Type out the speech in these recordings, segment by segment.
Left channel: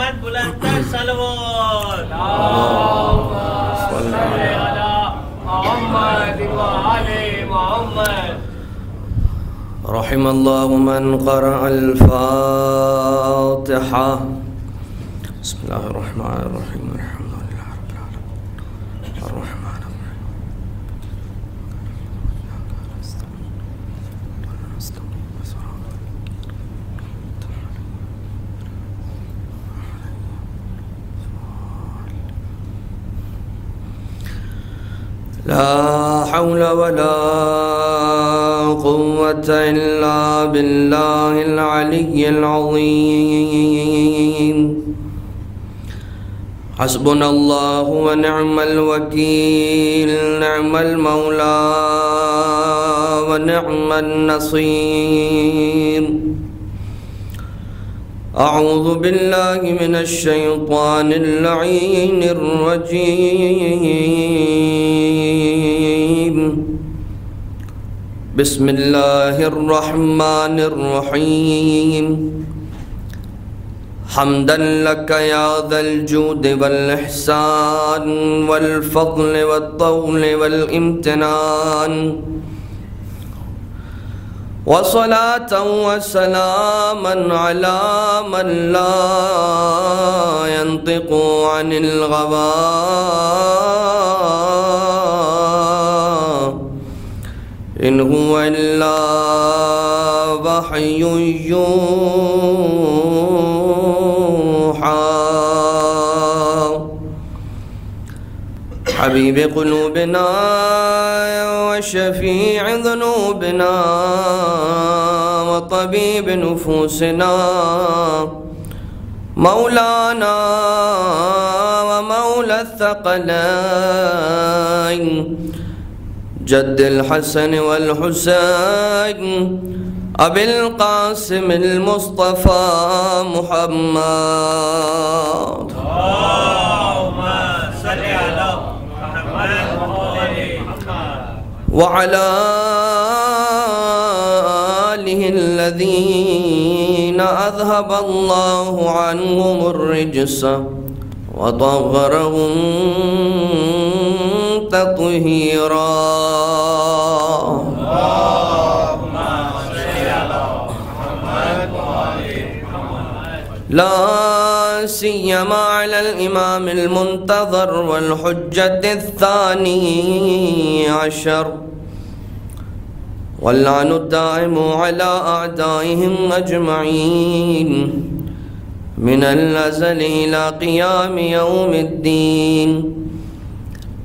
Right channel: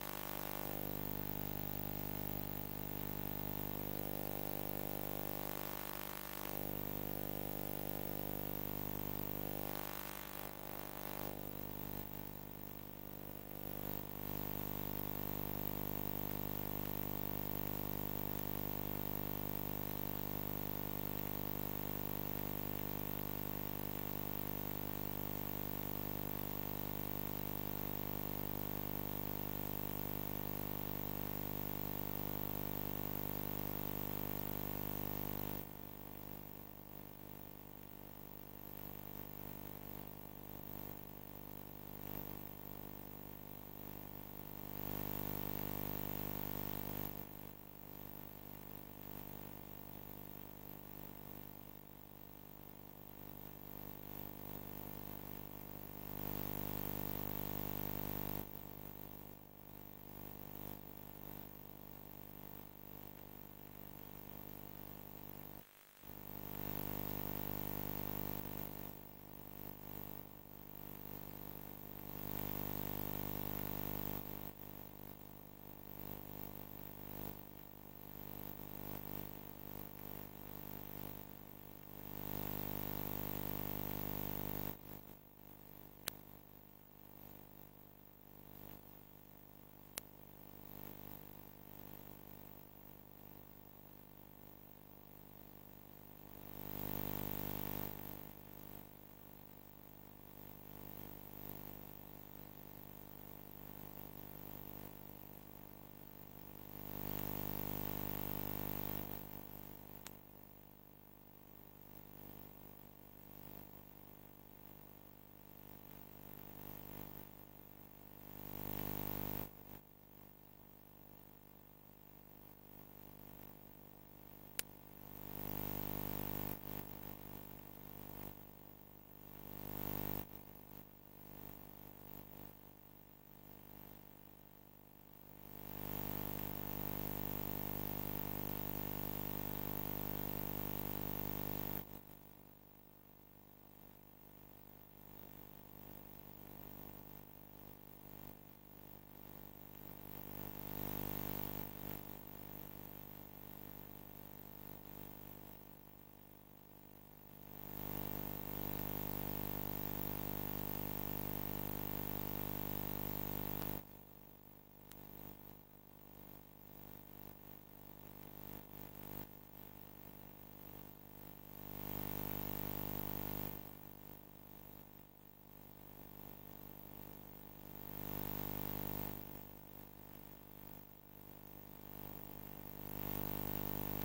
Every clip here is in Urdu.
محمد بلند تر صلوات اللهم صل على محمد وآل محمد. رحم الله من قرأ الفاتحة. بسم الله الرحمن الرحيم. الحمد لله رب العالمين الرحمن الرحيم. لا حول ولا قوة إلا بالله العلي العظيم. حسبنا الله ونعم الوكيل. نعم المولى ونعم النصير. أعوذ بالله من الشيطان اللعين الرجيم. بسم الله الرحمن الرحيم. حمدا لك يا ذا الجود والإحسان والفضل والطول والامتنان، وصلاة وسلاما على من لا ينطق عن الغوى إن هو إلا وحي يوحى. حبيب قلوبنا وشفيع ذنوبنا وطبيب نفوسنا، مولانا ومولى الثقلين جد الحسن والحسين أبي القاسم المصطفى محمد. اللهم صل على محمد وآل محمد وعلى آله الذين أذهب الله عنهم الرجس وطهرهم تطهيرا. اللهم صل على محمد وآل محمد. لا سيما على الإمام المنتظر والحجة الثاني عشر، واللعن الدائم على أعدائهم أجمعين من الأزل إلى قيام يوم الدين.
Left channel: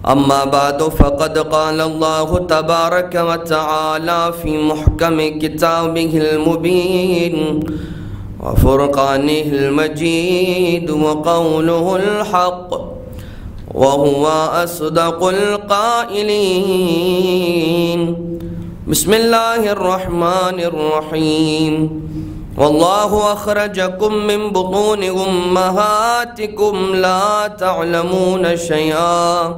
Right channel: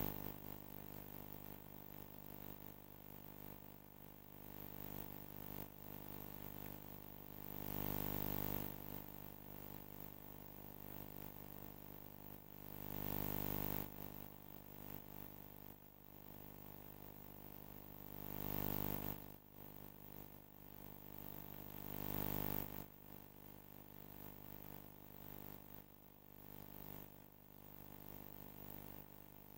أما بعد، فقد قال الله تبارك وتعالى في محكم كتابه المبين وفرقانه المجيد وقوله الحق وهو أصدق القائلين. بسم الله الرحمن الرحيم. والله أخرجكم من بطون أمهاتكم لا تعلمون شيئا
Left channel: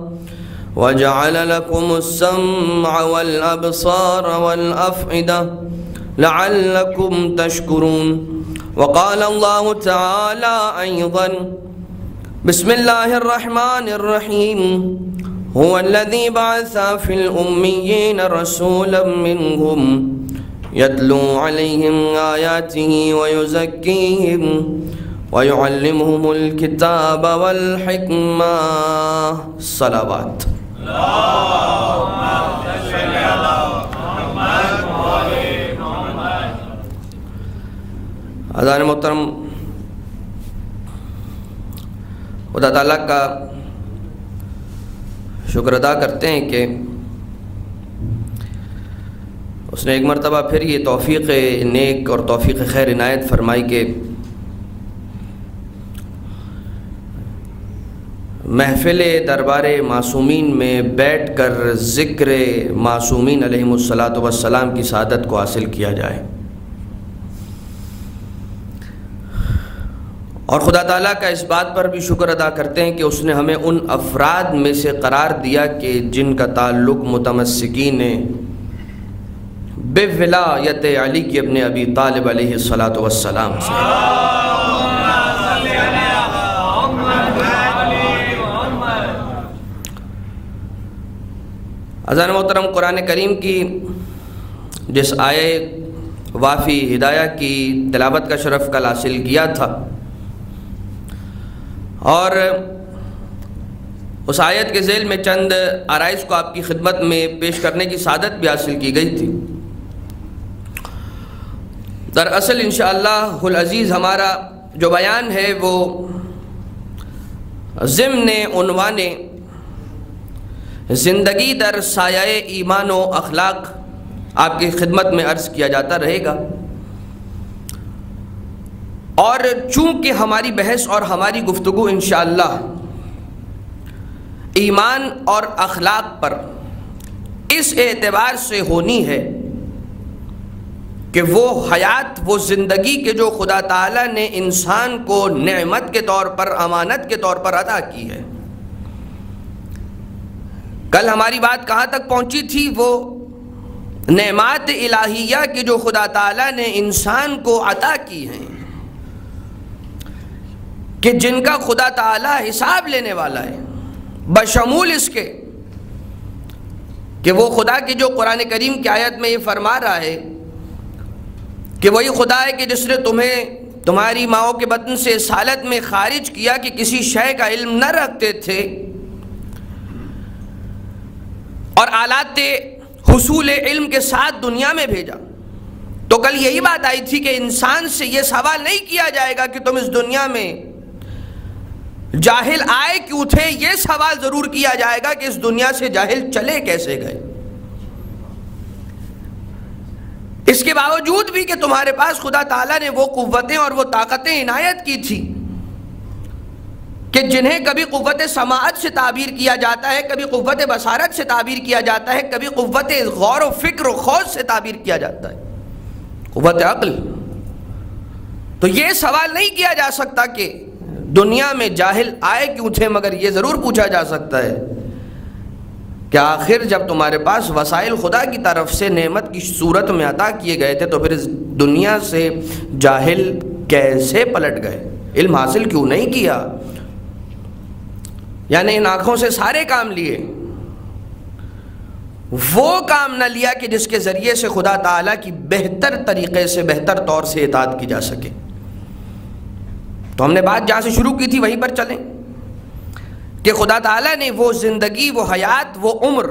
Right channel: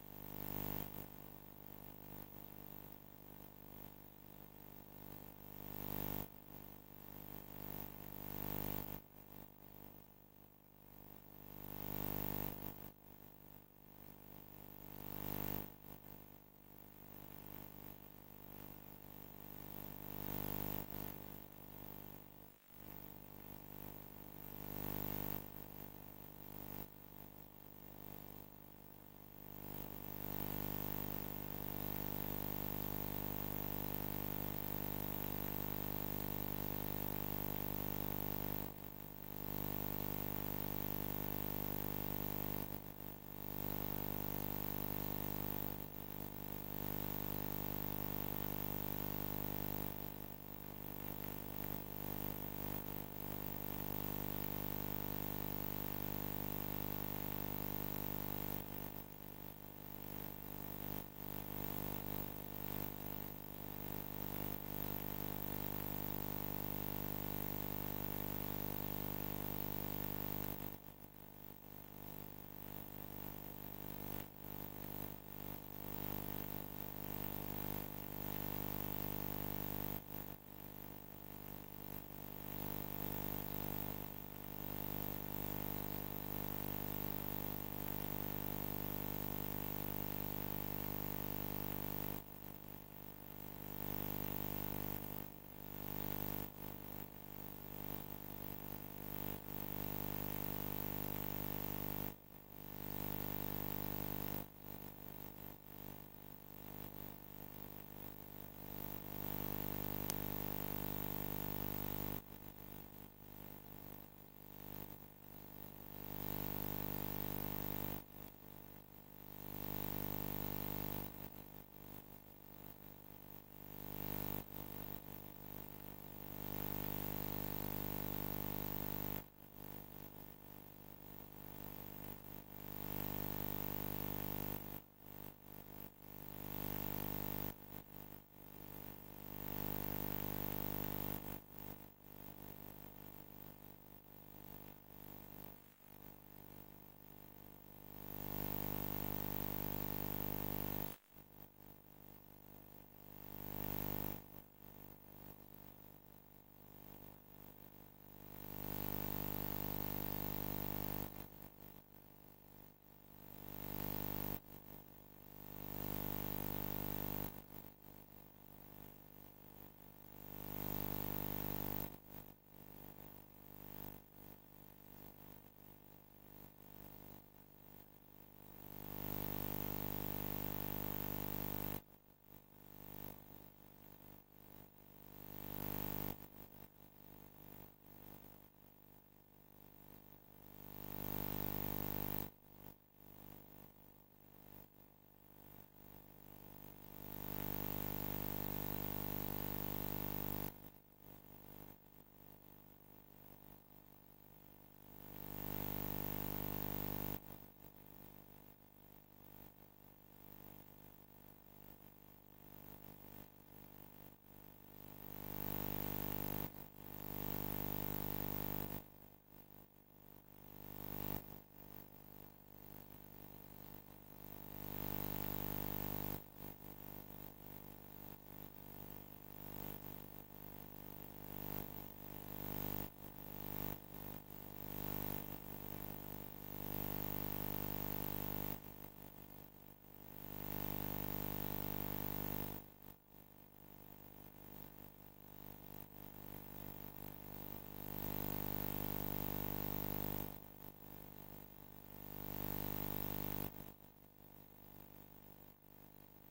وجعل لكم السمع والأبصار والأفئدة لعلكم تشكرون. وقال الله تعالى أيضا: بسم الله الرحمن الرحيم. هو الذي بعث في الأميين رسولا منهم يتلو عليهم آياته ويزكيهم ويعلمهم الكتاب والحكمة. صلوات. اللهم صل على محمد وآل محمد. حضرات محترم، خدا تعالیٰ کا شکر ادا کرتے ہیں کہ اس نے ایک مرتبہ پھر یہ توفیق نیک اور توفیق خیر عنایت فرمائی کہ محفل دربار معصومین میں بیٹھ کر ذکر معصومین علیہم الصلاۃ والسلام کی سعادت کو حاصل کیا جائے، اور خدا تعالیٰ کا اس بات پر بھی شکر ادا کرتے ہیں کہ اس نے ہمیں ان افراد میں سے قرار دیا کہ جن کا تعلق متمسکین بولایت علی ابن ابی طالب علیہ الصلاۃ والسلام سے. عزیزان محترم، قرآن کریم کی جس آیے وافی ہدایہ کی تلاوت کا شرف کل حاصل کیا تھا، اور اس آیت کے ذیل میں چند آرائز کو آپ کی خدمت میں پیش کرنے کی سعادت بھی حاصل کی گئی تھی۔ دراصل انشاءاللہ العزیز ہمارا جو بیان ہے وہ ضمن عنوان زندگی در سایہ ایمان و اخلاق آپ کی خدمت میں عرض کیا جاتا رہے گا، اور چونکہ ہماری بحث اور ہماری گفتگو انشاءاللہ ایمان اور اخلاق پر اس اعتبار سے ہونی ہے کہ وہ حیات، وہ زندگی کے جو خدا تعالیٰ نے انسان کو نعمت کے طور پر، امانت کے طور پر عطا کی ہے۔ کل ہماری بات کہاں تک پہنچی تھی؟ وہ نعمات الہیہ کی جو خدا تعالیٰ نے انسان کو عطا کی ہیں، کہ جن کا خدا تعالیٰ حساب لینے والا ہے، بشمول اس کے کہ وہ خدا کی جو قرآن کریم کی آیت میں یہ فرما رہا ہے کہ وہی خدا ہے کہ جس نے تمہیں تمہاری ماؤں کے بطن سے اس حالت میں خارج کیا کہ کسی شے کا علم نہ رکھتے تھے، اور آلات حصول علم کے ساتھ دنیا میں بھیجا۔ تو کل یہی بات آئی تھی کہ انسان سے یہ سوال نہیں کیا جائے گا کہ تم اس دنیا میں جاہل آئے کیوں تھے، یہ سوال ضرور کیا جائے گا کہ اس دنیا سے جاہل چلے کیسے گئے۔ اس کے باوجود بھی کہ تمہارے پاس خدا تعالیٰ نے وہ قوتیں اور وہ طاقتیں عنایت کی تھی کہ جنہیں کبھی قوت سماعت سے تعبیر کیا جاتا ہے، کبھی قوت بصارت سے تعبیر کیا جاتا ہے، کبھی قوت غور و فکر و خوض سے تعبیر کیا جاتا ہے، قوت عقل۔ تو یہ سوال نہیں کیا جا سکتا کہ دنیا میں جاہل آئے کیوں تھے، مگر یہ ضرور پوچھا جا سکتا ہے کہ آخر جب تمہارے پاس وسائل خدا کی طرف سے نعمت کی صورت میں عطا کیے گئے تھے تو پھر اس دنیا سے جاہل کیسے پلٹ گئے، علم حاصل کیوں نہیں کیا؟ یعنی ان آنکھوں سے سارے کام لیے، وہ کام نہ لیا کہ جس کے ذریعے سے خدا تعالیٰ کی بہتر طریقے سے، بہتر طور سے اطاعت کی جا سکے۔ تو ہم نے بات جہاں سے شروع کی تھی وہیں پر چلیں کہ خدا تعالیٰ نے وہ زندگی، وہ حیات، وہ عمر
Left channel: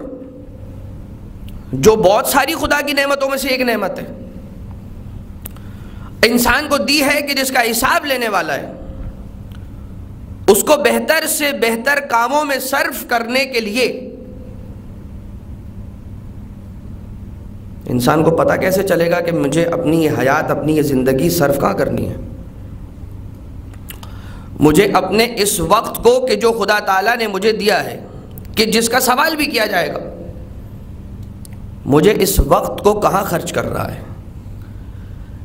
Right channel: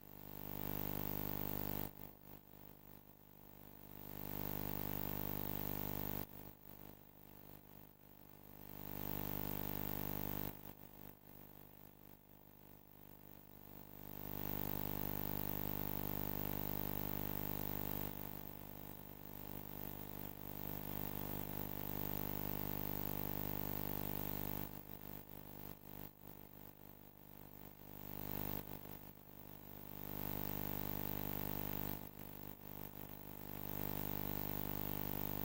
جو بہت ساری خدا کی نعمتوں میں سے ایک نعمت ہے، انسان کو دی ہے کہ جس کا حساب لینے والا ہے، اس کو بہتر سے بہتر کاموں میں صرف کرنے کے لیے انسان کو پتہ کیسے چلے گا کہ مجھے اپنی یہ حیات، اپنی یہ زندگی صرف کہاں کرنی ہے؟ مجھے اپنے اس وقت کو کہ جو خدا تعالیٰ نے مجھے دیا ہے، کہ جس کا سوال بھی کیا جائے گا، مجھے اس وقت کو کہاں خرچ کر رہا ہے؟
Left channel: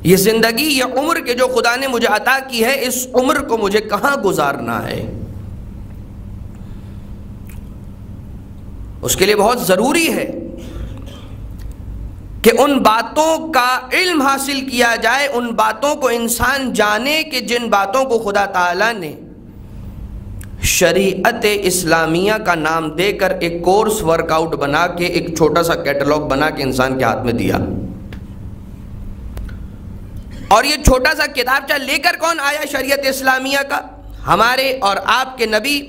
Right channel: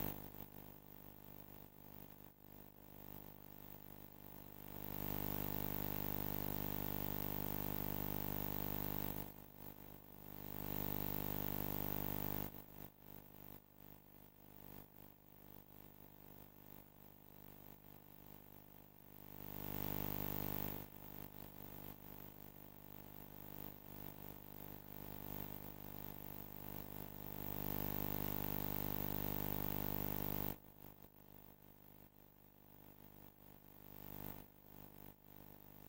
یہ زندگی، یہ عمر کہ جو خدا نے مجھے عطا کی ہے، اس عمر کو مجھے کہاں گزارنا ہے؟ اس کے لیے بہت ضروری ہے کہ ان باتوں کا علم حاصل کیا جائے، ان باتوں کو انسان جانے کہ جن باتوں کو خدا تعالیٰ نے شریعت اسلامیہ کا نام دے کر ایک کورس ورک آؤٹ بنا کے، ایک چھوٹا سا کیٹلاگ بنا کے انسان کے ہاتھ میں دیا۔ اور یہ چھوٹا سا کتابچہ لے کر کون آیا شریعت اسلامیہ کا؟ ہمارے اور آپ کے نبی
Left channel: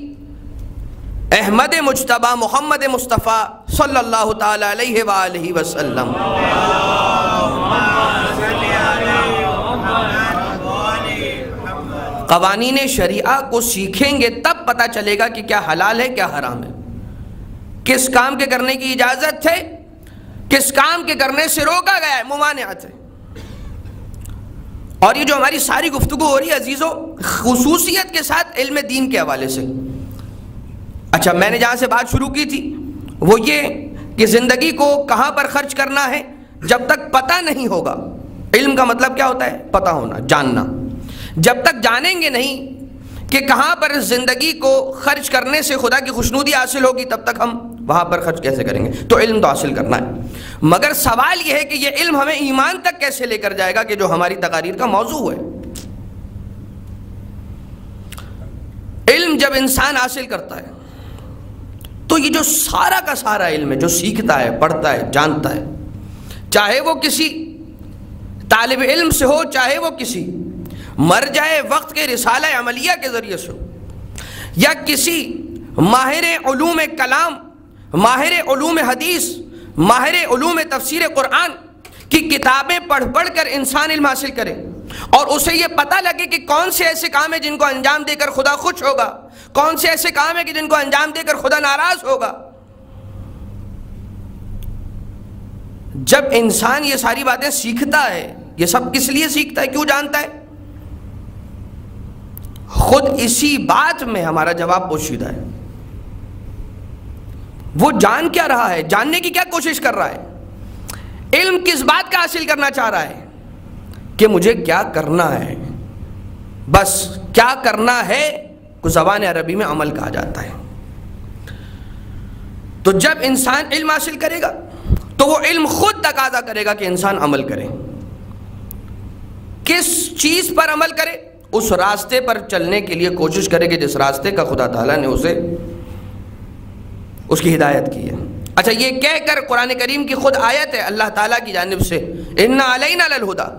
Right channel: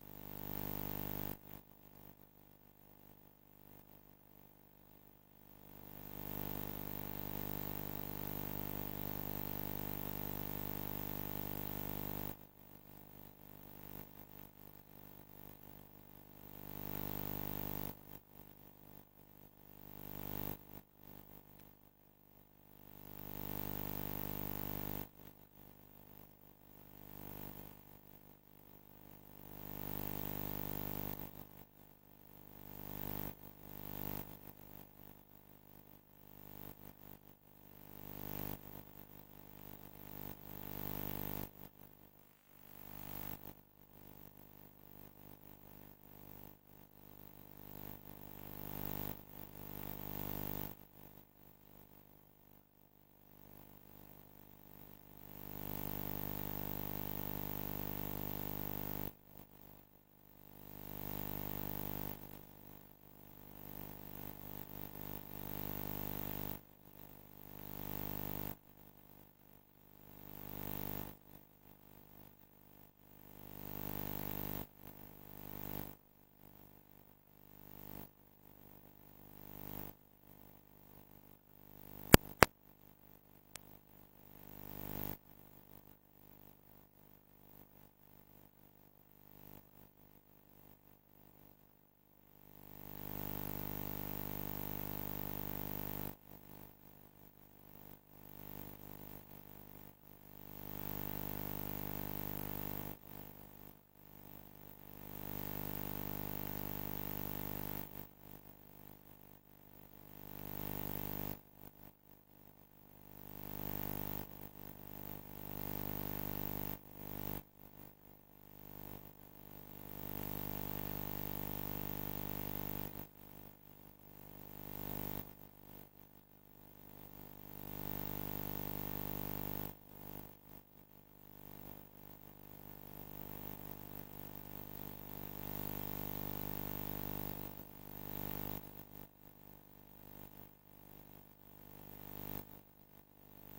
احمد مجتبی محمد مصطفیٰ صلی اللہ تعالی علیہ وآلہ وسلم۔ قوانین شریعہ کو سیکھیں گے تب پتہ چلے گا کہ کیا حلال ہے، کیا حرام ہے، کس کام کے کرنے کی اجازت ہے، کس کام کے کرنے سے روکا گیا ہے، ممانعت ہے۔ اور یہ جو ہماری ساری گفتگو ہو رہی ہے عزیزو، خصوصیت کے ساتھ علم دین کے حوالے سے۔ اچھا، میں نے جہاں سے بات شروع کی تھی وہ یہ کہ زندگی کو کہاں پر خرچ کرنا ہے جب تک پتہ نہیں ہوگا۔ علم کا مطلب کیا ہوتا ہے؟ پتہ ہونا، جاننا۔ جب تک جانیں گے نہیں کہ کہاں پر زندگی کو خرچ کرنے سے خدا کی خوشنودی حاصل ہوگی، تب تک ہم وہاں پر خرچ کیسے کریں گے؟ تو علم تو حاصل کرنا ہے، مگر سوال یہ ہے کہ یہ علم ہمیں ایمان تک کیسے لے کر جائے گا، کہ جو ہماری تقاریر کا موضوع ہے۔ علم جب انسان حاصل کرتا ہے تو یہ جو سارا کا سارا علم ہے، جو سیکھتا ہے، پڑھتا ہے، جانتا ہے، چاہے وہ کسی طالب علم سے ہو، چاہے وہ کسی مرجع وقت کے رسالہ عملیہ کے ذریعے سے ہو، یا کسی ماہر علوم کلام، ماہر علوم حدیث، ماہر علوم تفسیر قرآن کی کتابیں پڑھ پڑھ کر انسان علم حاصل کرے اور اسے یہ پتہ لگے کہ کون سے ایسے کام ہیں جن کو انجام دے کر خدا خوش ہوگا، کون سے ایسے کام ہیں کہ جن کو انجام دے کر خدا ناراض ہوگا۔ جب انسان یہ ساری باتیں سیکھتا ہے، یہ سب کس لیے سیکھتا ہے، کیوں جانتا ہے؟ خود اسی بات میں ہمارا جواب پوشیدہ ہے۔ وہ جان کیا رہا ہے، جاننے کی کیا کوشش کر رہا ہے، علم کس بات کا حاصل کرنا چاہ رہا ہے کہ مجھے کیا کرنا ہے، بس کیا کرنا ہے کو زبان عربی میں عمل کہا جاتا ہے۔ تو جب انسان علم حاصل کرے گا تو وہ علم خود تقاضا کرے گا کہ انسان عمل کرے۔ کس چیز پر عمل کرے؟ اس راستے پر چلنے کے لیے کوشش کرے کہ جس راستے کا خدا تعالیٰ نے اسے اس کی ہدایت کی ہے۔ اچھا، یہ کہہ کر قرآن کریم کی خود آیت ہے اللہ تعالیٰ کی جانب سے، اِنَّ عَلَيْنَا لَلْهُدَىٰ،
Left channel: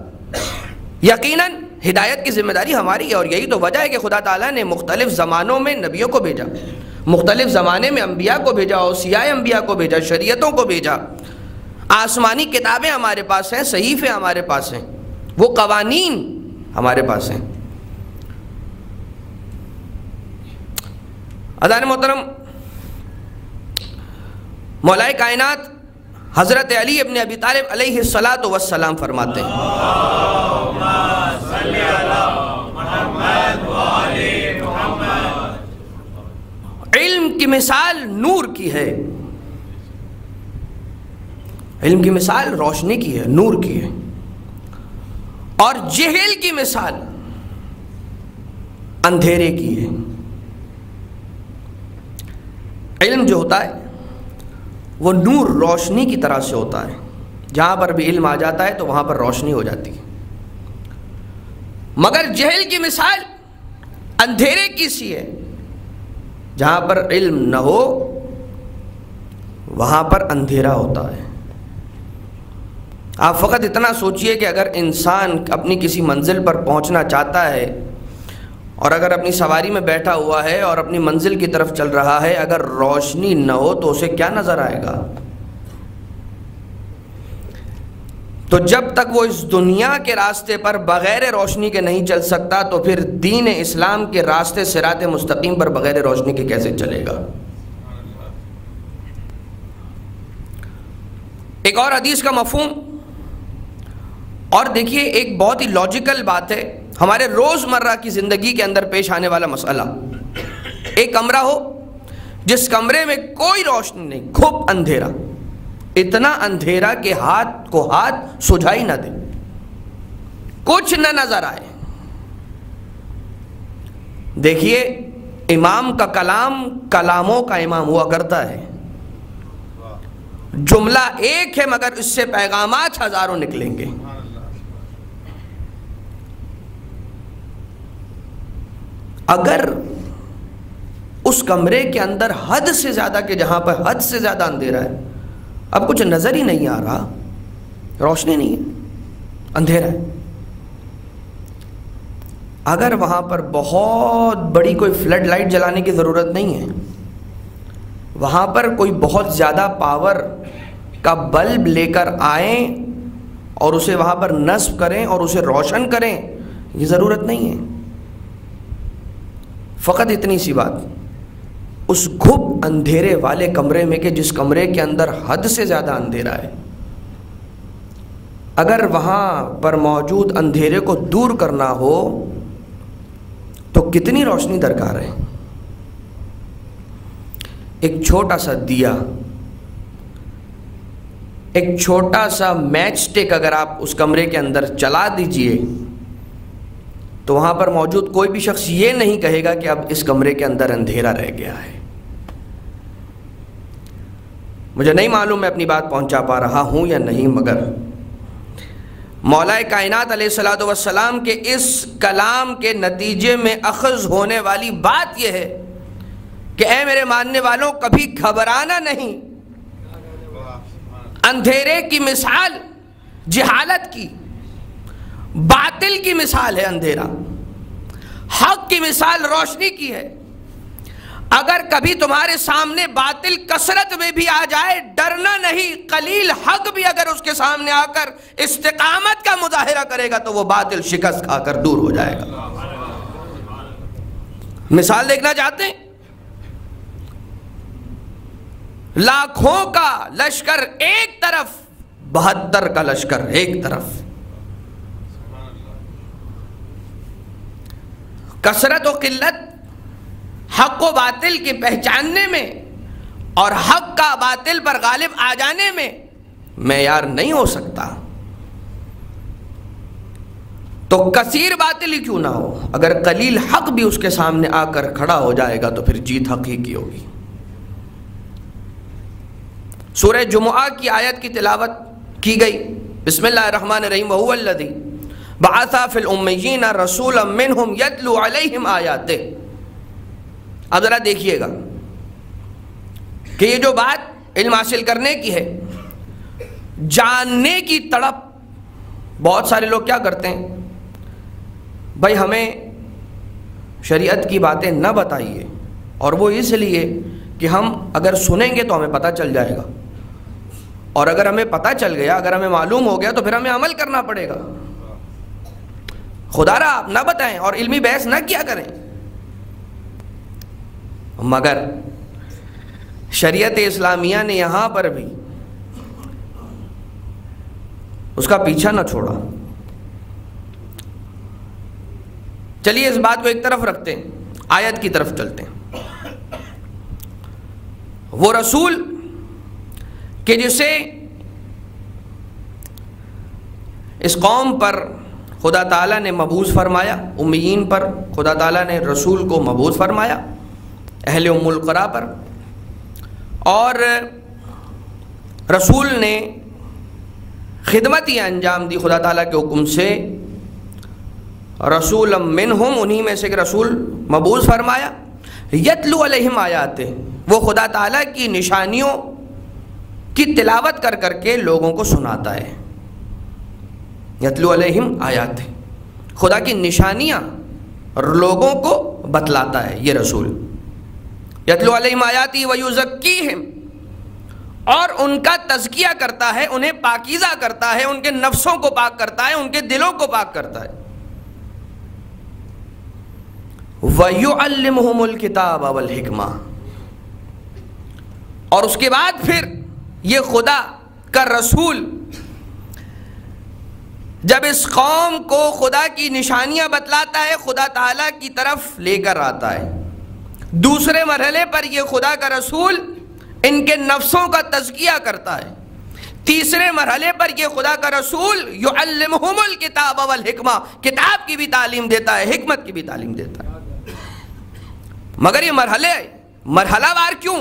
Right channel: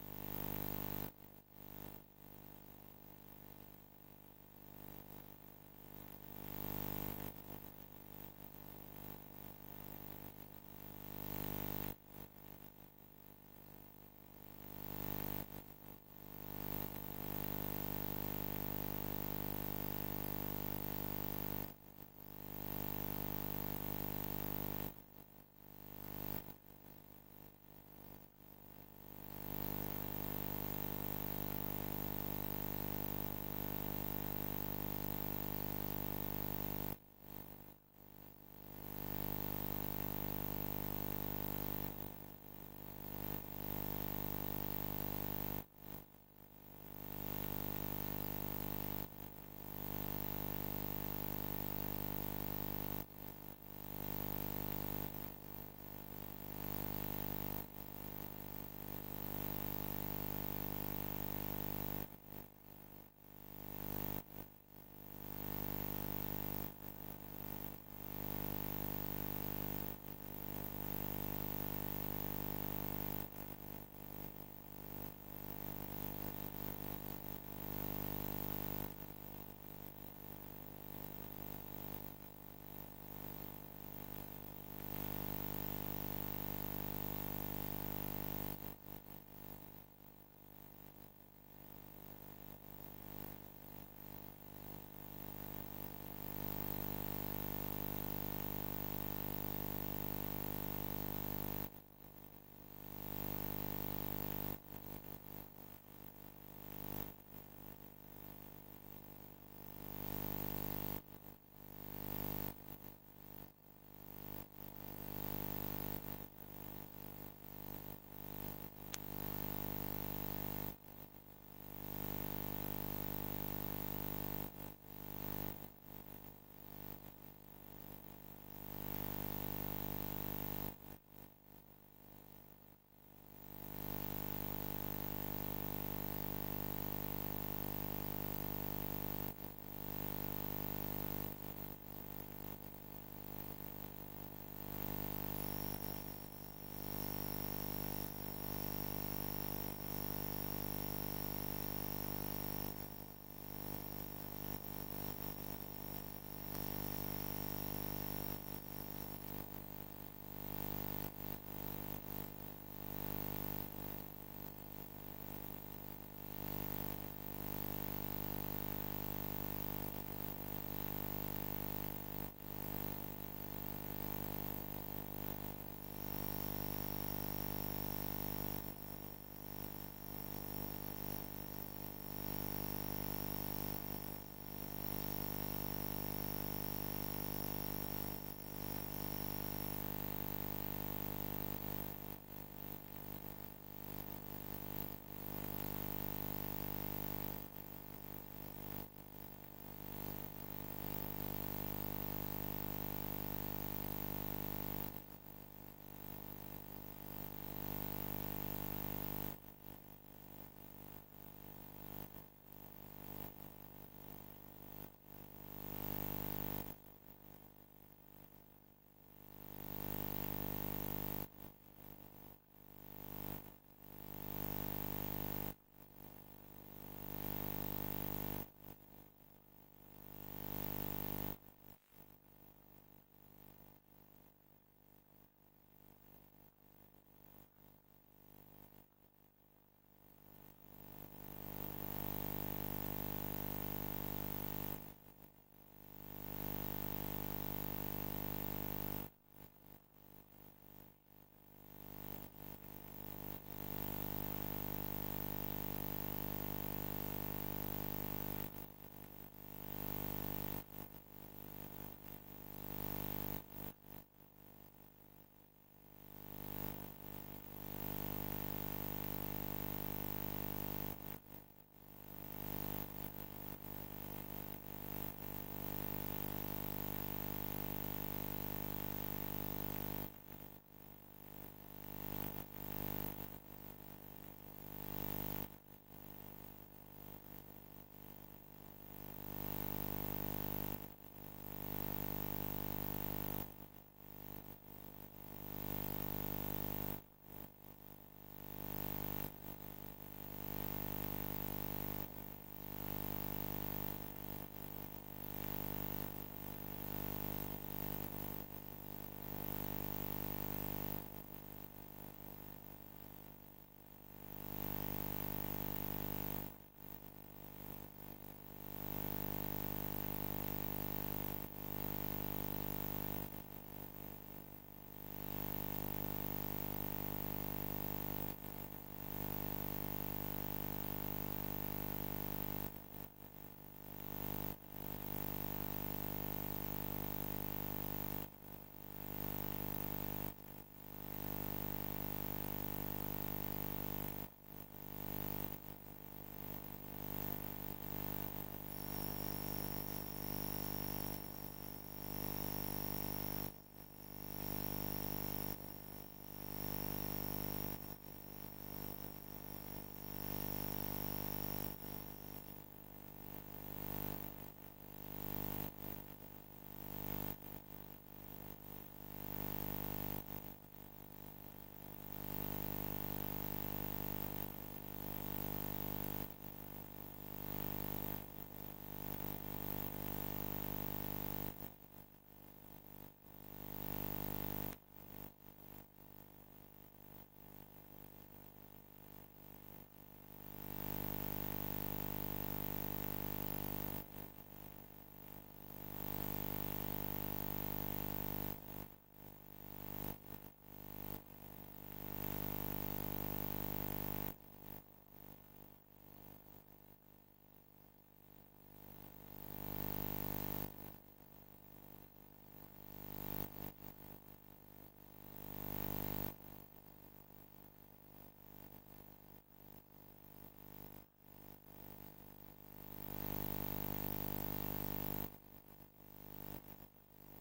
یقیناً ہدایت کی ذمہ داری ہماری ہے، اور یہی تو وجہ ہے کہ خدا تعالیٰ نے مختلف زمانوں میں نبیوں کو بھیجا، مختلف زمانے میں انبیاء کو بھیجا، اوصیاء انبیاء کو بھیجا، شریعتوں کو بھیجا، آسمانی کتابیں ہمارے پاس ہیں، صحیفے ہمارے پاس ہیں، وہ قوانین ہمارے پاس ہیں۔ عزیزان محترم، مولا کائنات حضرت علی ابن ابی طالب علیہ الصلاۃ والسلام فرماتے ہیں، علم کی مثال نور کی ہے، علم کی مثال روشنی کی ہے، نور کی ہے، اور جہل کی مثال اندھیرے کی ہے۔ علم جو ہوتا ہے وہ نور، روشنی کی طرح سے ہوتا ہے، جہاں پر بھی علم آ جاتا ہے تو وہاں پر روشنی ہو جاتی ہے، مگر جہل کی مثال اندھیرے کی سی ہے، جہاں پر علم نہ ہو وہاں پر اندھیرا ہوتا ہے۔ آپ فقط اتنا سوچئے کہ اگر انسان اپنی کسی منزل پر پہنچنا چاہتا ہے اور اگر اپنی سواری میں بیٹھا ہوا ہے اور اپنی منزل کی طرف چل رہا ہے، اگر روشنی نہ ہو تو اسے کیا نظر آئے گا؟ تو جب تک وہ اس دنیا کے راستے پر بغیر روشنی کے نہیں چل سکتا تو پھر دین اسلام کے راستے صراط مستقیم پر بغیر روشنی کے کیسے چلے گا؟ ایک اور حدیث کا مفہوم، اور دیکھیے ایک بہت ہی لاجیکل بات ہے، ہمارے روزمرہ کی زندگی کے اندر پیش آنے والا مسئلہ۔ ایک کمرہ ہو جس کمرے میں کوئی روشنی نہیں، گھپ اندھیرا، اتنا اندھیرا کہ ہاتھ کو ہاتھ سجھائی نہ دے، کچھ نہ نظر آئے۔ دیکھیے امام کا کلام کلاموں کا امام ہوا کرتا ہے، جملہ ایک ہے مگر اس سے پیغامات ہزاروں نکلیں گے۔ اگر اس کمرے کے اندر حد سے زیادہ، کہ جہاں پر حد سے زیادہ اندھیرا ہے، اب کچھ نظر ہی نہیں آ رہا، روشنی نہیں ہے، اندھیرا ہے، اگر وہاں پر بہت بڑی کوئی فلڈ لائٹ جلانے کی ضرورت نہیں ہے، وہاں پر کوئی بہت زیادہ پاور کا بلب لے کر آئیں اور اسے وہاں پر نصب کریں اور اسے روشن کریں، یہ ضرورت نہیں ہے۔ فقط اتنی سی بات، اس گھپ اندھیرے والے کمرے میں، کہ جس کمرے کے اندر حد سے زیادہ اندھیرا ہے، اگر وہاں پر موجود اندھیرے کو دور کرنا ہو تو کتنی روشنی درکار ہے؟ ایک چھوٹا سا دیا، ایک چھوٹا سا میچ سٹک اگر آپ اس کمرے کے اندر چلا دیجئے تو وہاں پر موجود کوئی بھی شخص یہ نہیں کہے گا کہ اب اس کمرے کے اندر اندھیرا رہ گیا ہے۔ مجھے نہیں معلوم میں اپنی بات پہنچا پا رہا ہوں یا نہیں، مگر مولا کائنات علیہ الصلوۃ والسلام کے اس کلام کے نتیجے میں اخذ ہونے والی بات یہ ہے کہ اے میرے ماننے والوں کبھی گھبرانا نہیں. اندھیرے کی مثال جہالت کی، باطل کی مثال ہے اندھیرا، حق کی مثال روشنی کی ہے. اگر کبھی تمہارے سامنے باطل کثرت میں بھی آ جائے ڈرنا نہیں، قلیل حق بھی اگر اس کے سامنے آ کر استقامت کا مظاہرہ کرے گا تو وہ باطل شکست کھا کر دور ہو جائے گا. مثال دیکھنا چاہتے ہیں؟ لاکھوں کا لشکر ایک طرف، 72 کا لشکر ایک طرف. کثرت و قلت حق و باطل کے پہچاننے میں اور حق کا باطل پر غالب آ جانے میں معیار نہیں ہو سکتا. تو کثیر باطل ہی کیوں نہ ہو، اگر قلیل حق بھی اس کے سامنے آ کر کھڑا ہو جائے گا تو پھر جیت حق ہی کی ہوگی. سورہ جمعہ کی آیت کی تلاوت کی گئی. بسم اللہ الرحمن الرحیم. وَهُوَ الَّذِي بَعَثَ فِي الْأُمِّيِّينَ رَسُولًا مِّنْهُمْ يَتْلُو عَلَيْهِمْ آیَاتِهِ. اب ذرا دیکھیے گا کہ یہ جو بات علم حاصل کرنے کی ہے، جاننے کی تڑپ. بہت سارے لوگ کیا کرتے ہیں، بھائی ہمیں شریعت کی باتیں نہ بتائیے، اور وہ اس لیے کہ ہم اگر سنیں گے تو ہمیں پتہ چل جائے گا، اور اگر ہمیں پتہ چل گیا، اگر ہمیں معلوم ہو گیا تو پھر ہمیں عمل کرنا پڑے گا. خدا را آپ نہ بتائیں اور علمی بحث نہ کیا کریں. مگر شریعت اسلامیہ نے یہاں پر بھی اس کا پیچھا نہ چھوڑا. چلیے اس بات کو ایک طرف رکھتے ہیں، آیت کی طرف چلتے ہیں. وہ رسول کہ جسے اس قوم پر خدا تعالیٰ نے مبعوث فرمایا، امیین پر خدا تعالیٰ نے رسول کو مبعوث فرمایا، اہل ام القریٰ پر، اور رسول نے خدمت ہی انجام دی خدا تعالیٰ کے حکم سے. رسولا منہم، انہی میں سے ایک رسول مبعوث فرمایا. یتلو علیہم آیاتہ، وہ خدا تعالیٰ کی نشانیوں کی تلاوت کر کر کے لوگوں کو سناتا ہے. یتلو علیہم آیاتہ، خدا کی نشانیاں لوگوں کو بتلاتا ہے یہ رسول. یتلو علیہم آیاتہ ویزکیہم، اور ان کا تزکیہ کرتا ہے، انہیں پاکیزہ کرتا ہے، ان کے نفسوں کو پاک کرتا ہے، ان کے دلوں کو پاک کرتا ہے. وَيُعَلِّمُهُمُ الْكِتَابَ وَالْحِكْمَةَ، اور اس کے بعد پھر یہ خدا کا رسول جب اس قوم کو خدا کی نشانیاں بتلاتا ہے، خدا تعالیٰ کی طرف لے کر آتا ہے. دوسرے مرحلے پر یہ خدا کا رسول ان کے نفسوں کا تزکیہ کرتا ہے. تیسرے مرحلے پر یہ خدا کا رسول یعلمہم الکتاب والحکمہ، کتاب کی بھی تعلیم دیتا ہے، حکمت کی بھی تعلیم دیتا ہے. مگر یہ مرحلہ وار کیوں؟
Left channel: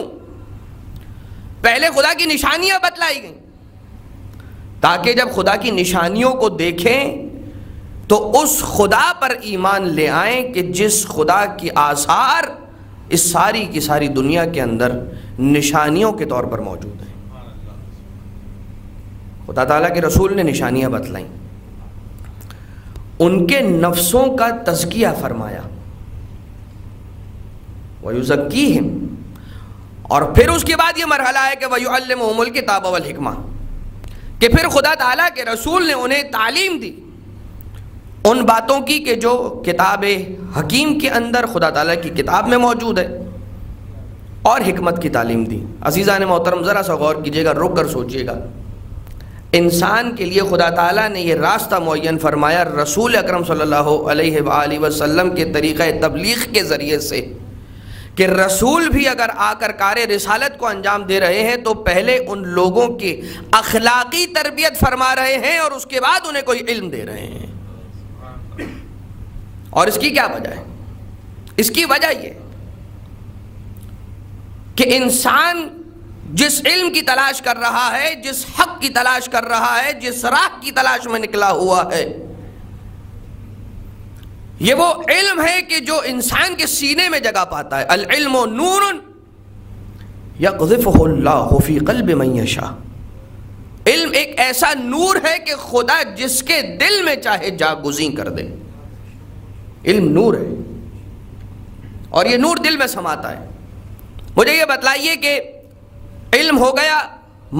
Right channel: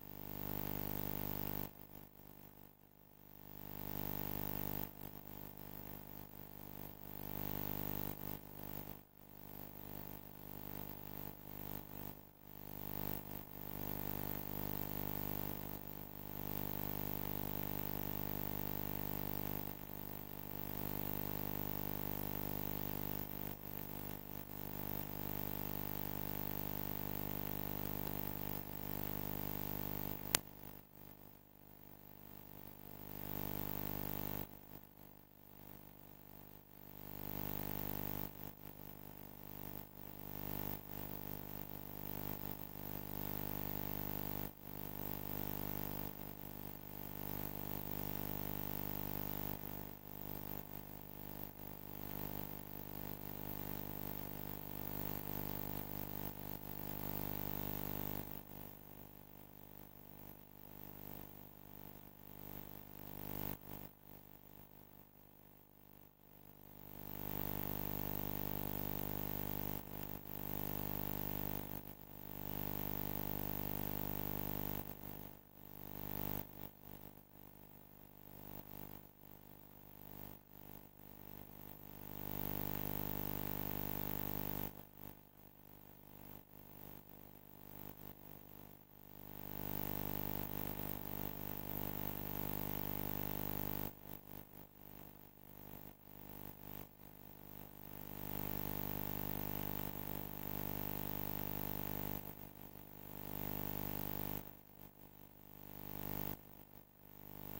پہلے خدا کی نشانیاں بتلائی گئیں تاکہ جب خدا کی نشانیوں کو دیکھیں تو اس خدا پر ایمان لے آئیں کہ جس خدا کی آثار اس ساری کی ساری دنیا کے اندر نشانیوں کے طور پر موجود ہیں. خدا تعالیٰ کے رسول نے نشانیاں بتلائیں، ان کے نفسوں کا تزکیہ فرمایا. وَيُزَكِّيهِمْ، اور پھر اس کے بعد یہ مرحلہ ہے کہ وَيُعَلِّمُهُمُ الْكِتَابَ وَالْحِكْمَةَ، کہ پھر خدا تعالیٰ کے رسول نے انہیں تعلیم دی ان باتوں کی کہ جو کتاب حکیم کے اندر خدا تعالیٰ کی کتاب میں موجود ہے، اور حکمت کی تعلیم دی. عزیزان محترم ذرا سا غور کیجئے گا، رک کر سوچئے گا. انسان کے لیے خدا تعالیٰ نے یہ راستہ معین فرمایا رسول اکرم صلی اللہ علیہ وآلہ وسلم کے طریقہ تبلیغ کے ذریعے سے کہ رسول بھی اگر آ کر کار رسالت کو انجام دے رہے ہیں تو پہلے ان لوگوں کی اخلاقی تربیت فرما رہے ہیں اور اس کے بعد انہیں کوئی علم دے رہے ہیں. اور اس کی کیا وجہ ہے؟ اس کی وجہ یہ کہ انسان جس علم کی تلاش کر رہا ہے، جس حق کی تلاش کر رہا ہے، جس راہ کی تلاش میں نکلا ہوا ہے، یہ وہ علم ہے کہ جو انسان کے سینے میں جگہ پاتا ہے. العلم نور یقذفہ اللہ فی قلب من یشاء. علم ایک ایسا نور ہے کہ خدا جس کے دل میں چاہے جاگزیں کر دے. علم نور ہے اور یہ نور دل میں سماتا ہے. مجھے یہ بتلائیے کہ علم ہو گیا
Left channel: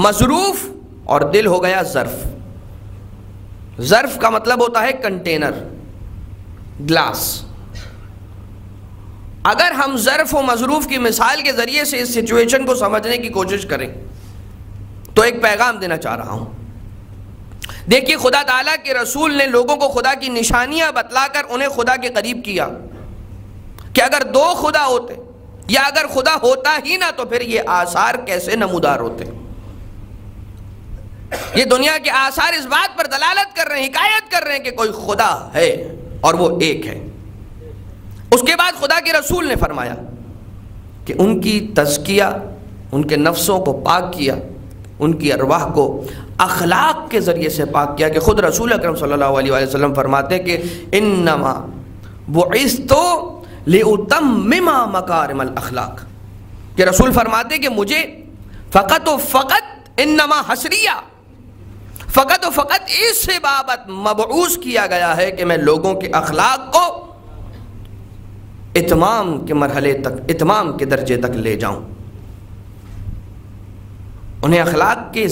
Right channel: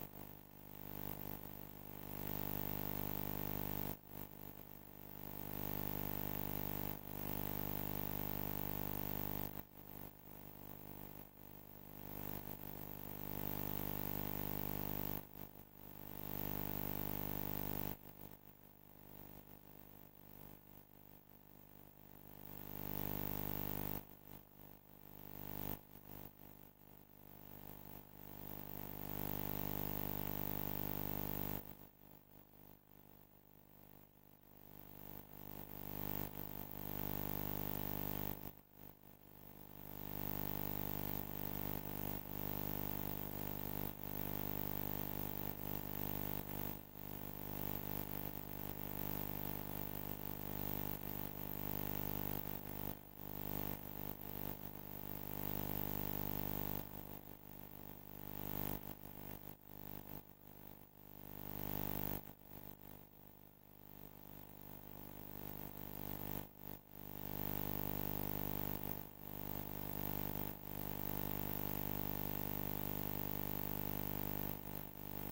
مظروف اور دل ہو گیا ظرف. ظرف کا مطلب ہوتا ہے کنٹینر، گلاس. اگر ہم ظرف و مظروف کی مثال کے ذریعے سے اس سچویشن کو سمجھنے کی کوشش کریں تو ایک پیغام دینا چاہ رہا ہوں. دیکھیے خدا تعالیٰ کے رسول نے لوگوں کو خدا کی نشانیاں بتلا کر انہیں خدا کے قریب کیا کہ اگر دو خدا ہوتے یا اگر خدا ہوتا ہی نہ تو پھر یہ آثار کیسے نمودار ہوتے. یہ دنیا کے آثار اس بات پر دلالت کر رہے ہیں، حکایت کر رہے ہیں کہ کوئی خدا ہے اور وہ ایک ہے. اس کے بعد خدا کے رسول نے فرمایا کہ ان کی تزکیہ، ان کے نفسوں کو پاک کیا، ان کی ارواح کو اخلاق کے ذریعے سے پاک کیا. کہ خود رسول اکرم صلی اللہ علیہ وآلہ وسلم فرماتے ہیں کہ انما بعثت لأتمم مکارم الاخلاق. کہ رسول فرماتے ہیں کہ مجھے فقط و فقط انما حسریہ، فقط و فقط اس سے بابت مبعوث کیا گیا ہے کہ میں لوگوں کے اخلاق کو اتمام کے مرحلے تک، اتمام کے درجے تک لے جاؤں، انہیں اخلاق کے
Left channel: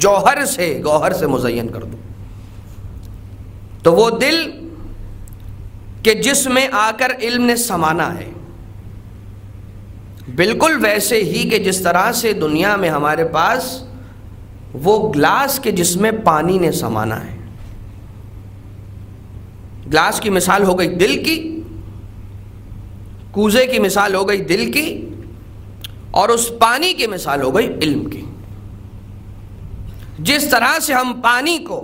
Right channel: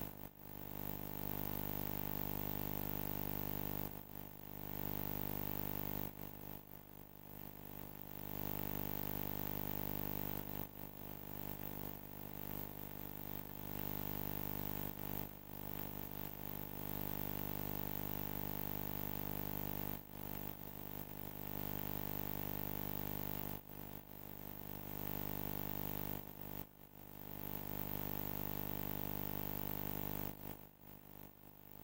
جوہر سے، گوہر سے مزین کر دوں. تو وہ دل کہ جس میں آ کر علم نے سمانا ہے، بالکل ویسے ہی کہ جس طرح سے دنیا میں ہمارے پاس وہ گلاس کے جس میں پانی نے سمانا ہے. گلاس کی مثال ہو گئی دل کی، کوزے کی مثال ہو گئی دل کی، اور اس پانی کی مثال ہو گئی علم کی. جس طرح سے ہم پانی کو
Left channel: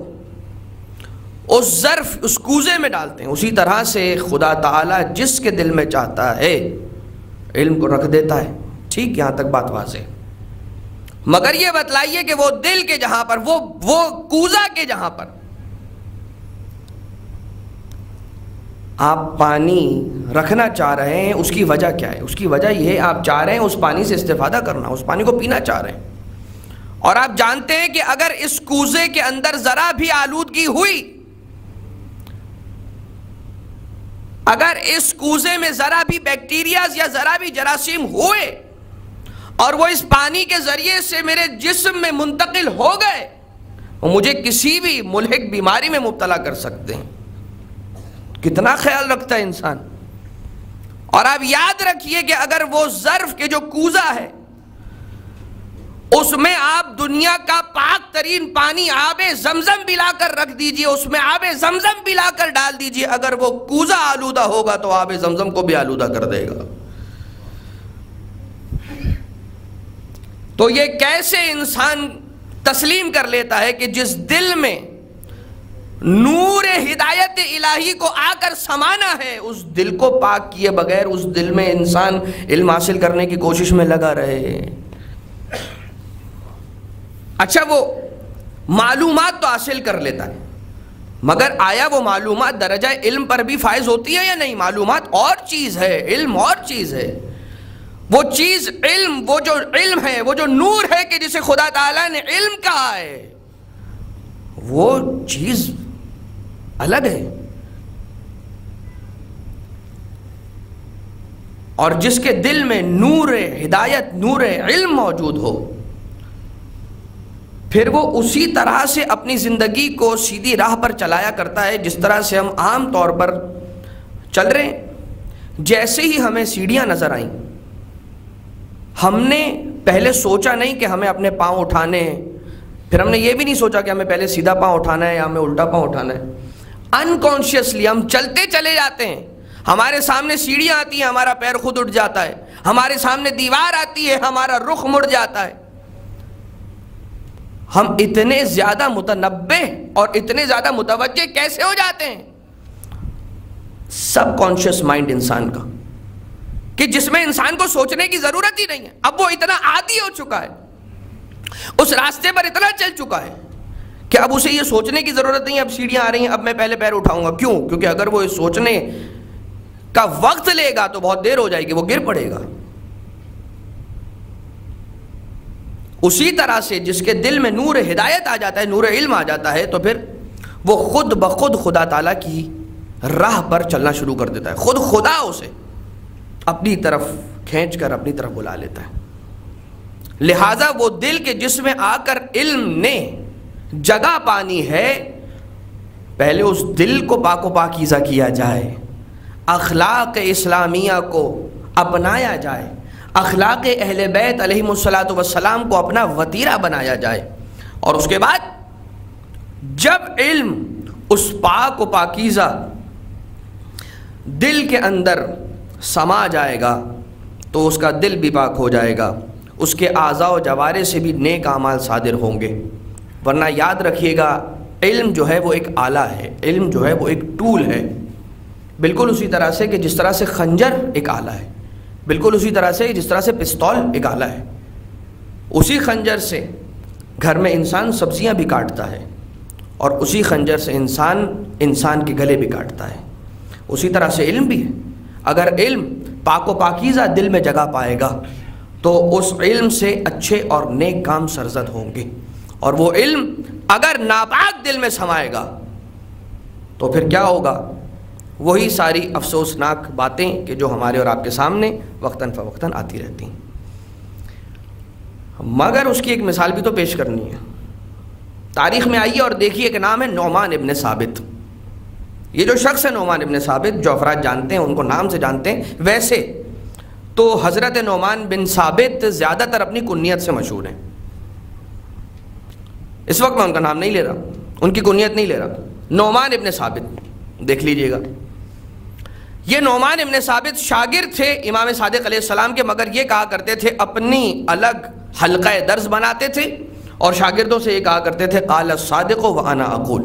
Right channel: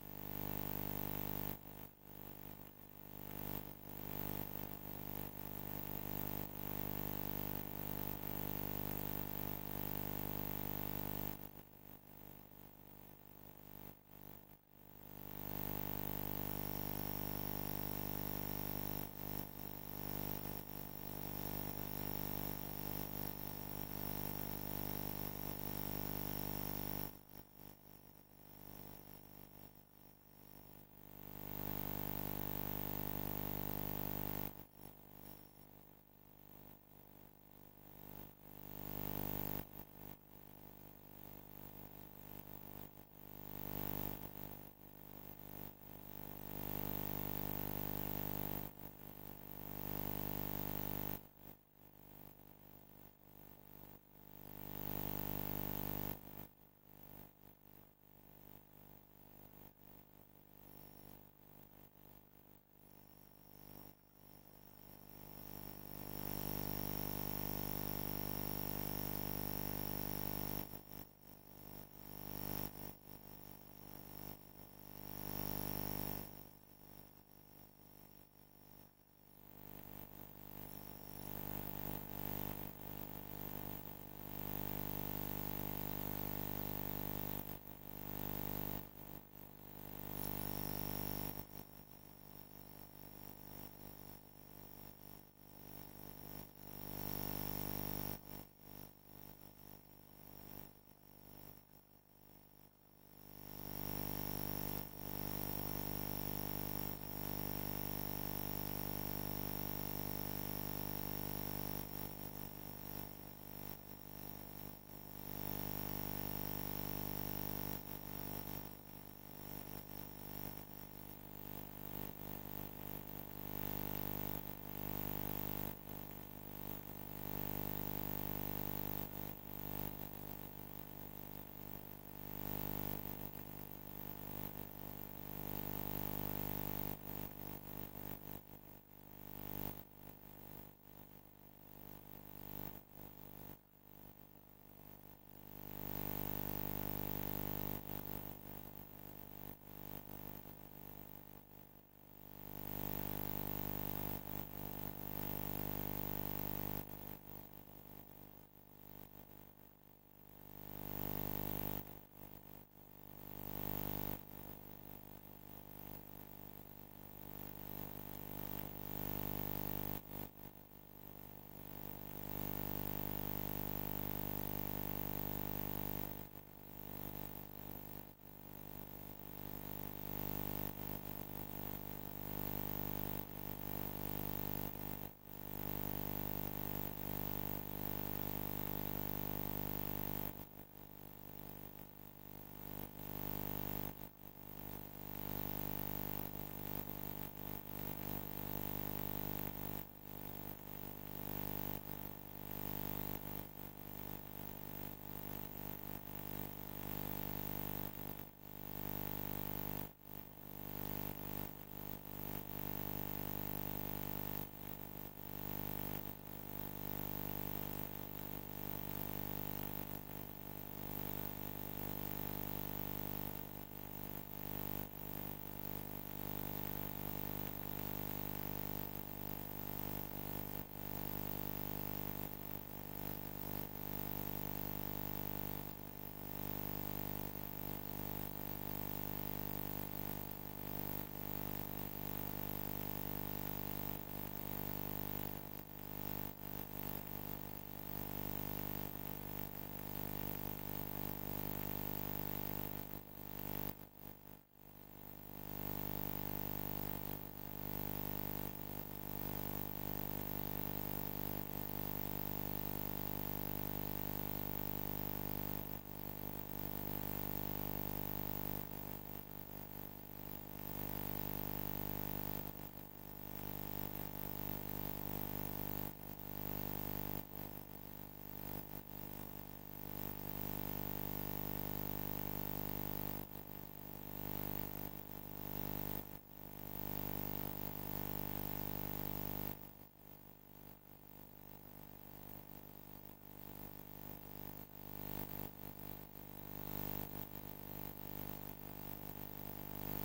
اس ظرف، اس کوزے میں ڈالتے ہیں، اسی طرح سے خدا تعالیٰ جس کے دل میں چاہتا ہے علم کو رکھ دیتا ہے. ٹھیک، یہاں تک بات واضح. مگر یہ بتلائیے کہ وہ دل کے جہاں پر، وہ کوزہ کے جہاں پر آپ پانی رکھنا چاہ رہے ہیں، اس کی وجہ کیا ہے؟ اس کی وجہ یہ ہے آپ چاہ رہے ہیں اس پانی سے استفادہ کرنا، اس پانی کو پینا چاہ رہے ہیں. اور آپ جانتے ہیں کہ اگر اس کوزے کے اندر ذرا بھی آلودگی ہوئی، اگر اس کوزے میں ذرا بھی بیکٹیریاز یا ذرا بھی جراثیم ہوئے اور وہ اس پانی کے ذریعے سے میرے جسم میں منتقل ہو گئے، وہ مجھے کسی بھی ملحق بیماری میں مبتلا کر سکتے ہیں. کتنا خیال رکھتا ہے انسان. اور آپ یاد رکھیے کہ اگر وہ ظرف کے جو کوزہ ہے اس میں آپ دنیا کا پاک ترین پانی آب زمزم بھی لا کر رکھ دیجئے، اس میں آب زمزم بھی لا کر ڈال دیجئے، اگر وہ کوزہ آلودہ ہوگا تو آب زمزم کو بھی آلودہ کر دے گا. تو یہ کیسے انسان تسلیم کر لیتا ہے کہ جس دل میں نور ہدایت الہی کو آ کر سمانا ہے، اس دل کو پاک کیے بغیر اس دل میں انسان علم حاصل کرنے کی کوشش میں لگا رہے. اچھا، وہ معلومات تو حاصل کر لیتا ہے، مگر آیا وہ معلومات درجہ علم پر بھی فائز ہوتی ہے یا نہیں؟ معلومات اور چیز ہے، علم اور چیز ہے. وہ چیز علم، وہ جو علم ہے، وہ جو نور ہے کہ جسے خدا تعالیٰ نے علم کہا ہے، وہ چیز الگ ہے. اور جس کے دل میں نور ہدایت، نور علم موجود ہو، پھر وہ اسی طرح سے اپنی زندگی کو سیدھی راہ پر چلایا کرتا ہے جس طرح سے ہم عام طور پر چل رہے ہیں. جیسے ہی ہمیں سیڑھیاں نظر آئیں، ہم نے پہلے سوچا نہیں کہ ہمیں اپنے پاؤں اٹھانے ہیں، پھر ہم نے یہ بھی نہیں سوچا کہ ہمیں پہلے سیدھا پاؤں اٹھانا ہے یا ہمیں الٹا پاؤں اٹھانا ہے. انکانشیسلی ہم چلتے چلے جاتے ہیں. ہمارے سامنے سیڑھیاں آتی ہیں، ہمارا پیر خود اٹھ جاتا ہے. ہمارے سامنے دیوار آتی ہے، ہمارا رخ مڑ جاتا ہے. ہم اتنے زیادہ متنبہ اور اتنے زیادہ متوجہ کیسے ہو جاتے ہیں؟ سب کانشیس مائنڈ انسان کا، کہ جس میں انسان کو سوچنے کی ضرورت ہی نہیں ہے. اب وہ اتنا عادی ہو چکا ہے، اس راستے پر اتنا چل چکا ہے کہ اب اسے یہ سوچنے کی ضرورت نہیں، اب سیڑھیاں آ رہی ہیں اب میں پہلے پیر اٹھاؤں گا. کیوں؟ کیونکہ اگر وہ سوچنے کا وقت لے گا تو بہت دیر ہو جائے گی، وہ گر پڑے گا. اسی طرح سے جس کے دل میں نور ہدایت آ جاتا ہے، نور علم آ جاتا ہے، تو پھر وہ خود بخود خدا تعالیٰ کی راہ پر چلنا شروع کر دیتا ہے. خود خدا اسے اپنی طرف کھینچ کر اپنی طرف بلا لیتا ہے. لہٰذا وہ دل کے جس میں آ کر علم نے جگہ پانی ہے، پہلے اس دل کو پاک و پاکیزہ کیا جائے، اخلاق اسلامیہ کو اپنایا جائے، اخلاق اہل بیت علیہم الصلاۃ والسلام کو اپنا وتیرہ بنایا جائے. اور اس کے بعد جب علم اس پاک و پاکیزہ دل کے اندر سما جائے گا تو اس کا دل بھی پاک ہو جائے گا، اس کے اعضاء و جوارح سے بھی نیک اعمال صادر ہوں گے. ورنہ یاد رکھیے گا، علم جو ہے وہ ایک آلہ ہے، علم جو ہے وہ ایک ٹول ہے. بالکل اسی طرح سے کہ جس طرح سے خنجر ایک آلہ ہے، بالکل اسی طرح سے جس طرح سے پستول ایک آلہ ہے. اسی خنجر سے گھر میں انسان سبزیاں بھی کاٹتا ہے، اور اسی خنجر سے انسان کے گلے بھی کاٹتا ہے. اسی طرح سے علم بھی ہے. اگر علم پاک و پاکیزہ دل میں جگہ پائے گا تو اس علم سے اچھے اور نیک کام سرزد ہوں گے. اور وہ علم اگر ناپاک دل میں سمائے گا تو پھر کیا ہوگا؟ وہی ساری افسوسناک باتیں کہ جو ہمارے اور آپ کے سامنے وقتاً فوقتاً آتی رہتی ہیں. مگر اس کی ایک مثال بھی تو پیش کرنی ہے. تاریخ میں آئیے اور دیکھیے کہ نام ہے نعمان ابن ثابت. یہ جو شخص ہے نعمان ابن ثابت، جو افراد جانتے ہیں ان کو نام سے جانتے ہیں. ویسے تو حضرت نعمان بن ثابت زیادہ تر اپنی کنیت سے مشہور ہیں. اس وقت میں ان کا نام نہیں لے رہا، ان کی کنیت نہیں لے رہا. نعمان ابن ثابت دیکھ لیجئے گا. یہ نعمان ابن ثابت شاگرد تھے امام صادق علیہ السلام کے، مگر یہ کہا کرتے تھے، اپنی الگ حلقہ درس بناتے تھے اور شاگردوں سے یہ کہا کرتے تھے قال الصادق وانا اقول.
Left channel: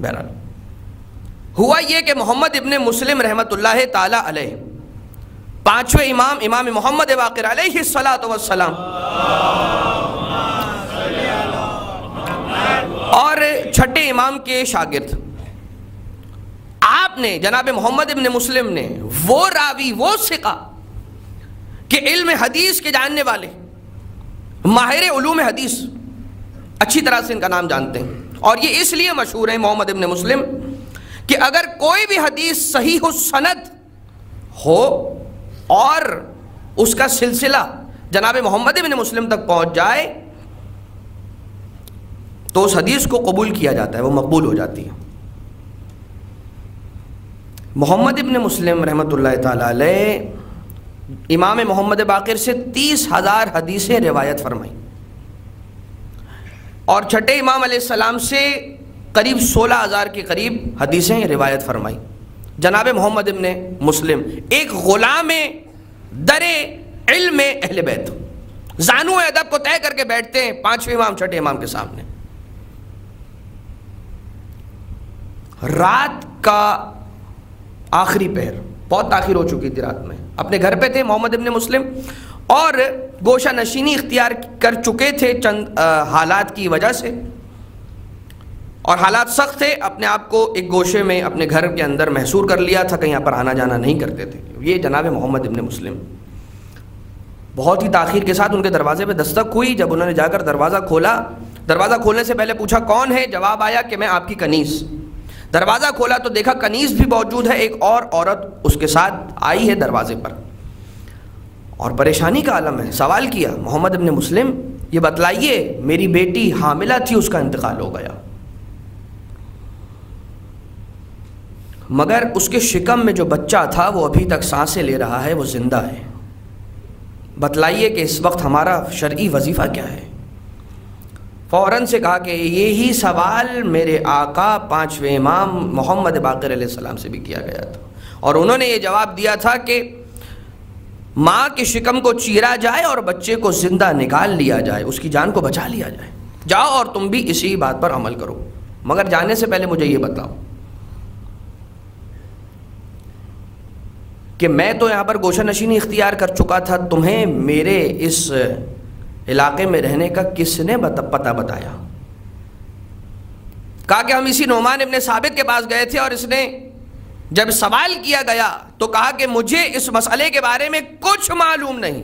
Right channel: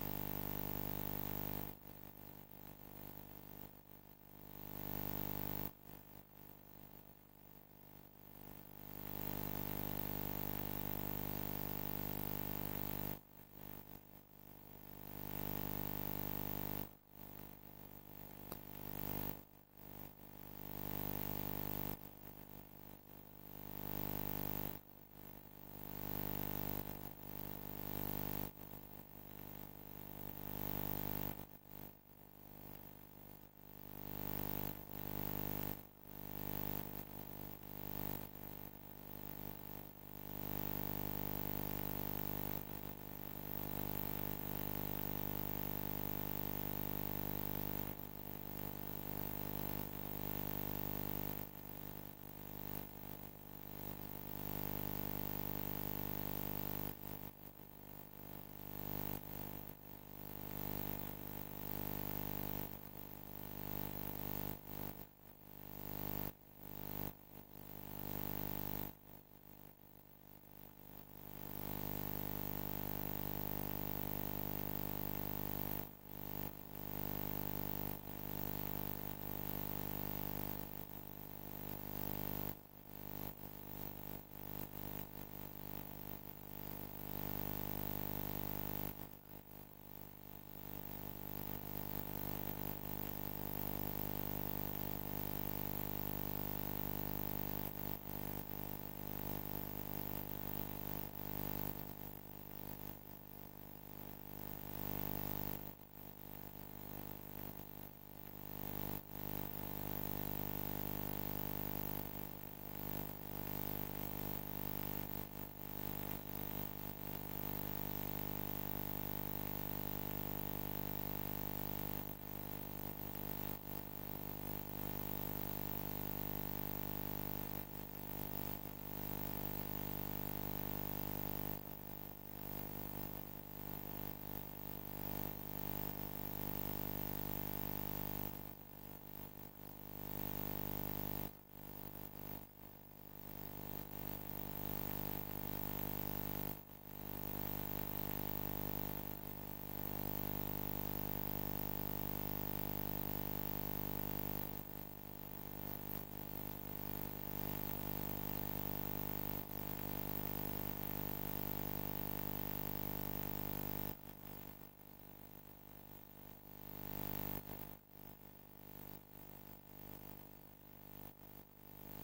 بہرحال ہوا یہ کہ محمد ابن مسلم رحمۃ اللہ تعالی علیہ، پانچویں امام محمد باقر علیہ الصلاۃ والسلام، اور چھٹے امام کے شاگرد، آپ نے جناب محمد ابن مسلم نے وہ راوی، وہ ثقہ کہ علم حدیث کے جاننے والے، ماہر علوم حدیث، اچھی طرح سے ان کا نام جانتے ہیں. اور یہ اس لیے مشہور ہیں محمد ابن مسلم کہ اگر کوئی بھی حدیث صحیح السند ہو اور اس کا سلسلہ جناب محمد ابن مسلم تک پہنچ جائے تو اس حدیث کو قبول کیا جاتا ہے، وہ مقبول ہو جاتی ہے. محمد ابن مسلم رحمۃ اللہ تعالی علیہ امام محمد باقر سے 30,000 حدیثیں روایت فرمائیں، اور چھٹے امام علیہ السلام سے قریب 16,000 کے قریب حدیثیں روایت فرمائیں. جناب محمد ابن مسلم ایک غلام در علم اہل بیت، زانو ادب کو طے کر کے بیٹھتے ہیں پانچویں امام چھٹے امام کے سامنے. رات کا آخری پہر، بہت تاخیر ہو چکی تھی رات میں، اپنے گھر پہ تھے محمد ابن مسلم، اور گوشہ نشینی اختیار کر چکے تھے چند حالات کی وجہ سے، اور حالات سخت تھے. اپنے آپ کو ایک گوشے میں اپنے گھر کے اندر محصور کر لیا تھا، کہیں یہاں پر آنا جانا نہیں کرتے تھے. یہ جناب محمد ابن مسلم بہت ہی تاخیر کے ساتھ ان کے دروازے پہ دستک ہوئی. جب انہوں نے جا کر دروازہ کھولا، دروازہ کھولنے سے پہلے پوچھا کون ہے؟ جواب آیا کہ میں آپ کی کنیز. دروازہ کھولا تو دیکھا کنیز بھی موجود ہے، ایک اور عورت اس کے ساتھ آئی ہے دروازے پر، اور پریشانی کا عالم ہے. سوال کیا محمد ابن مسلم یہ بتلائیے میری بیٹی حاملہ تھی، اس کا انتقال ہو گیا، مگر اس کے شکم میں جو بچہ تھا وہ ابھی تک سانسیں لے رہا ہے، وہ زندہ ہے. بتلائیے کہ اس وقت ہمارا شرعی وظیفہ کیا ہے؟ فوراً سے کہا کہ یہی سوال میرے آقا پانچویں امام محمد باقر علیہ السلام سے بھی کیا گیا تھا، اور انہوں نے یہ جواب دیا تھا کہ ماں کے شکم کو چیرا جائے اور بچے کو زندہ نکال لیا جائے، اس کی جان کو بچا لیا جائے. جاؤ اور تم بھی اسی بات پر عمل کرو، مگر جانے سے پہلے مجھے یہ بتاؤ کہ میں تو یہاں پر گوشہ نشینی اختیار کر چکا تھا، تمہیں میرے اس علاقے میں رہنے کا کس نے پتہ بتایا؟ کہا کہ ہم اسی نعمان ابن ثابت کے پاس گئے تھے اور اس نے جب سوال کیا گیا تو کہا کہ مجھے اس مسئلے کے بارے میں کچھ معلوم نہیں،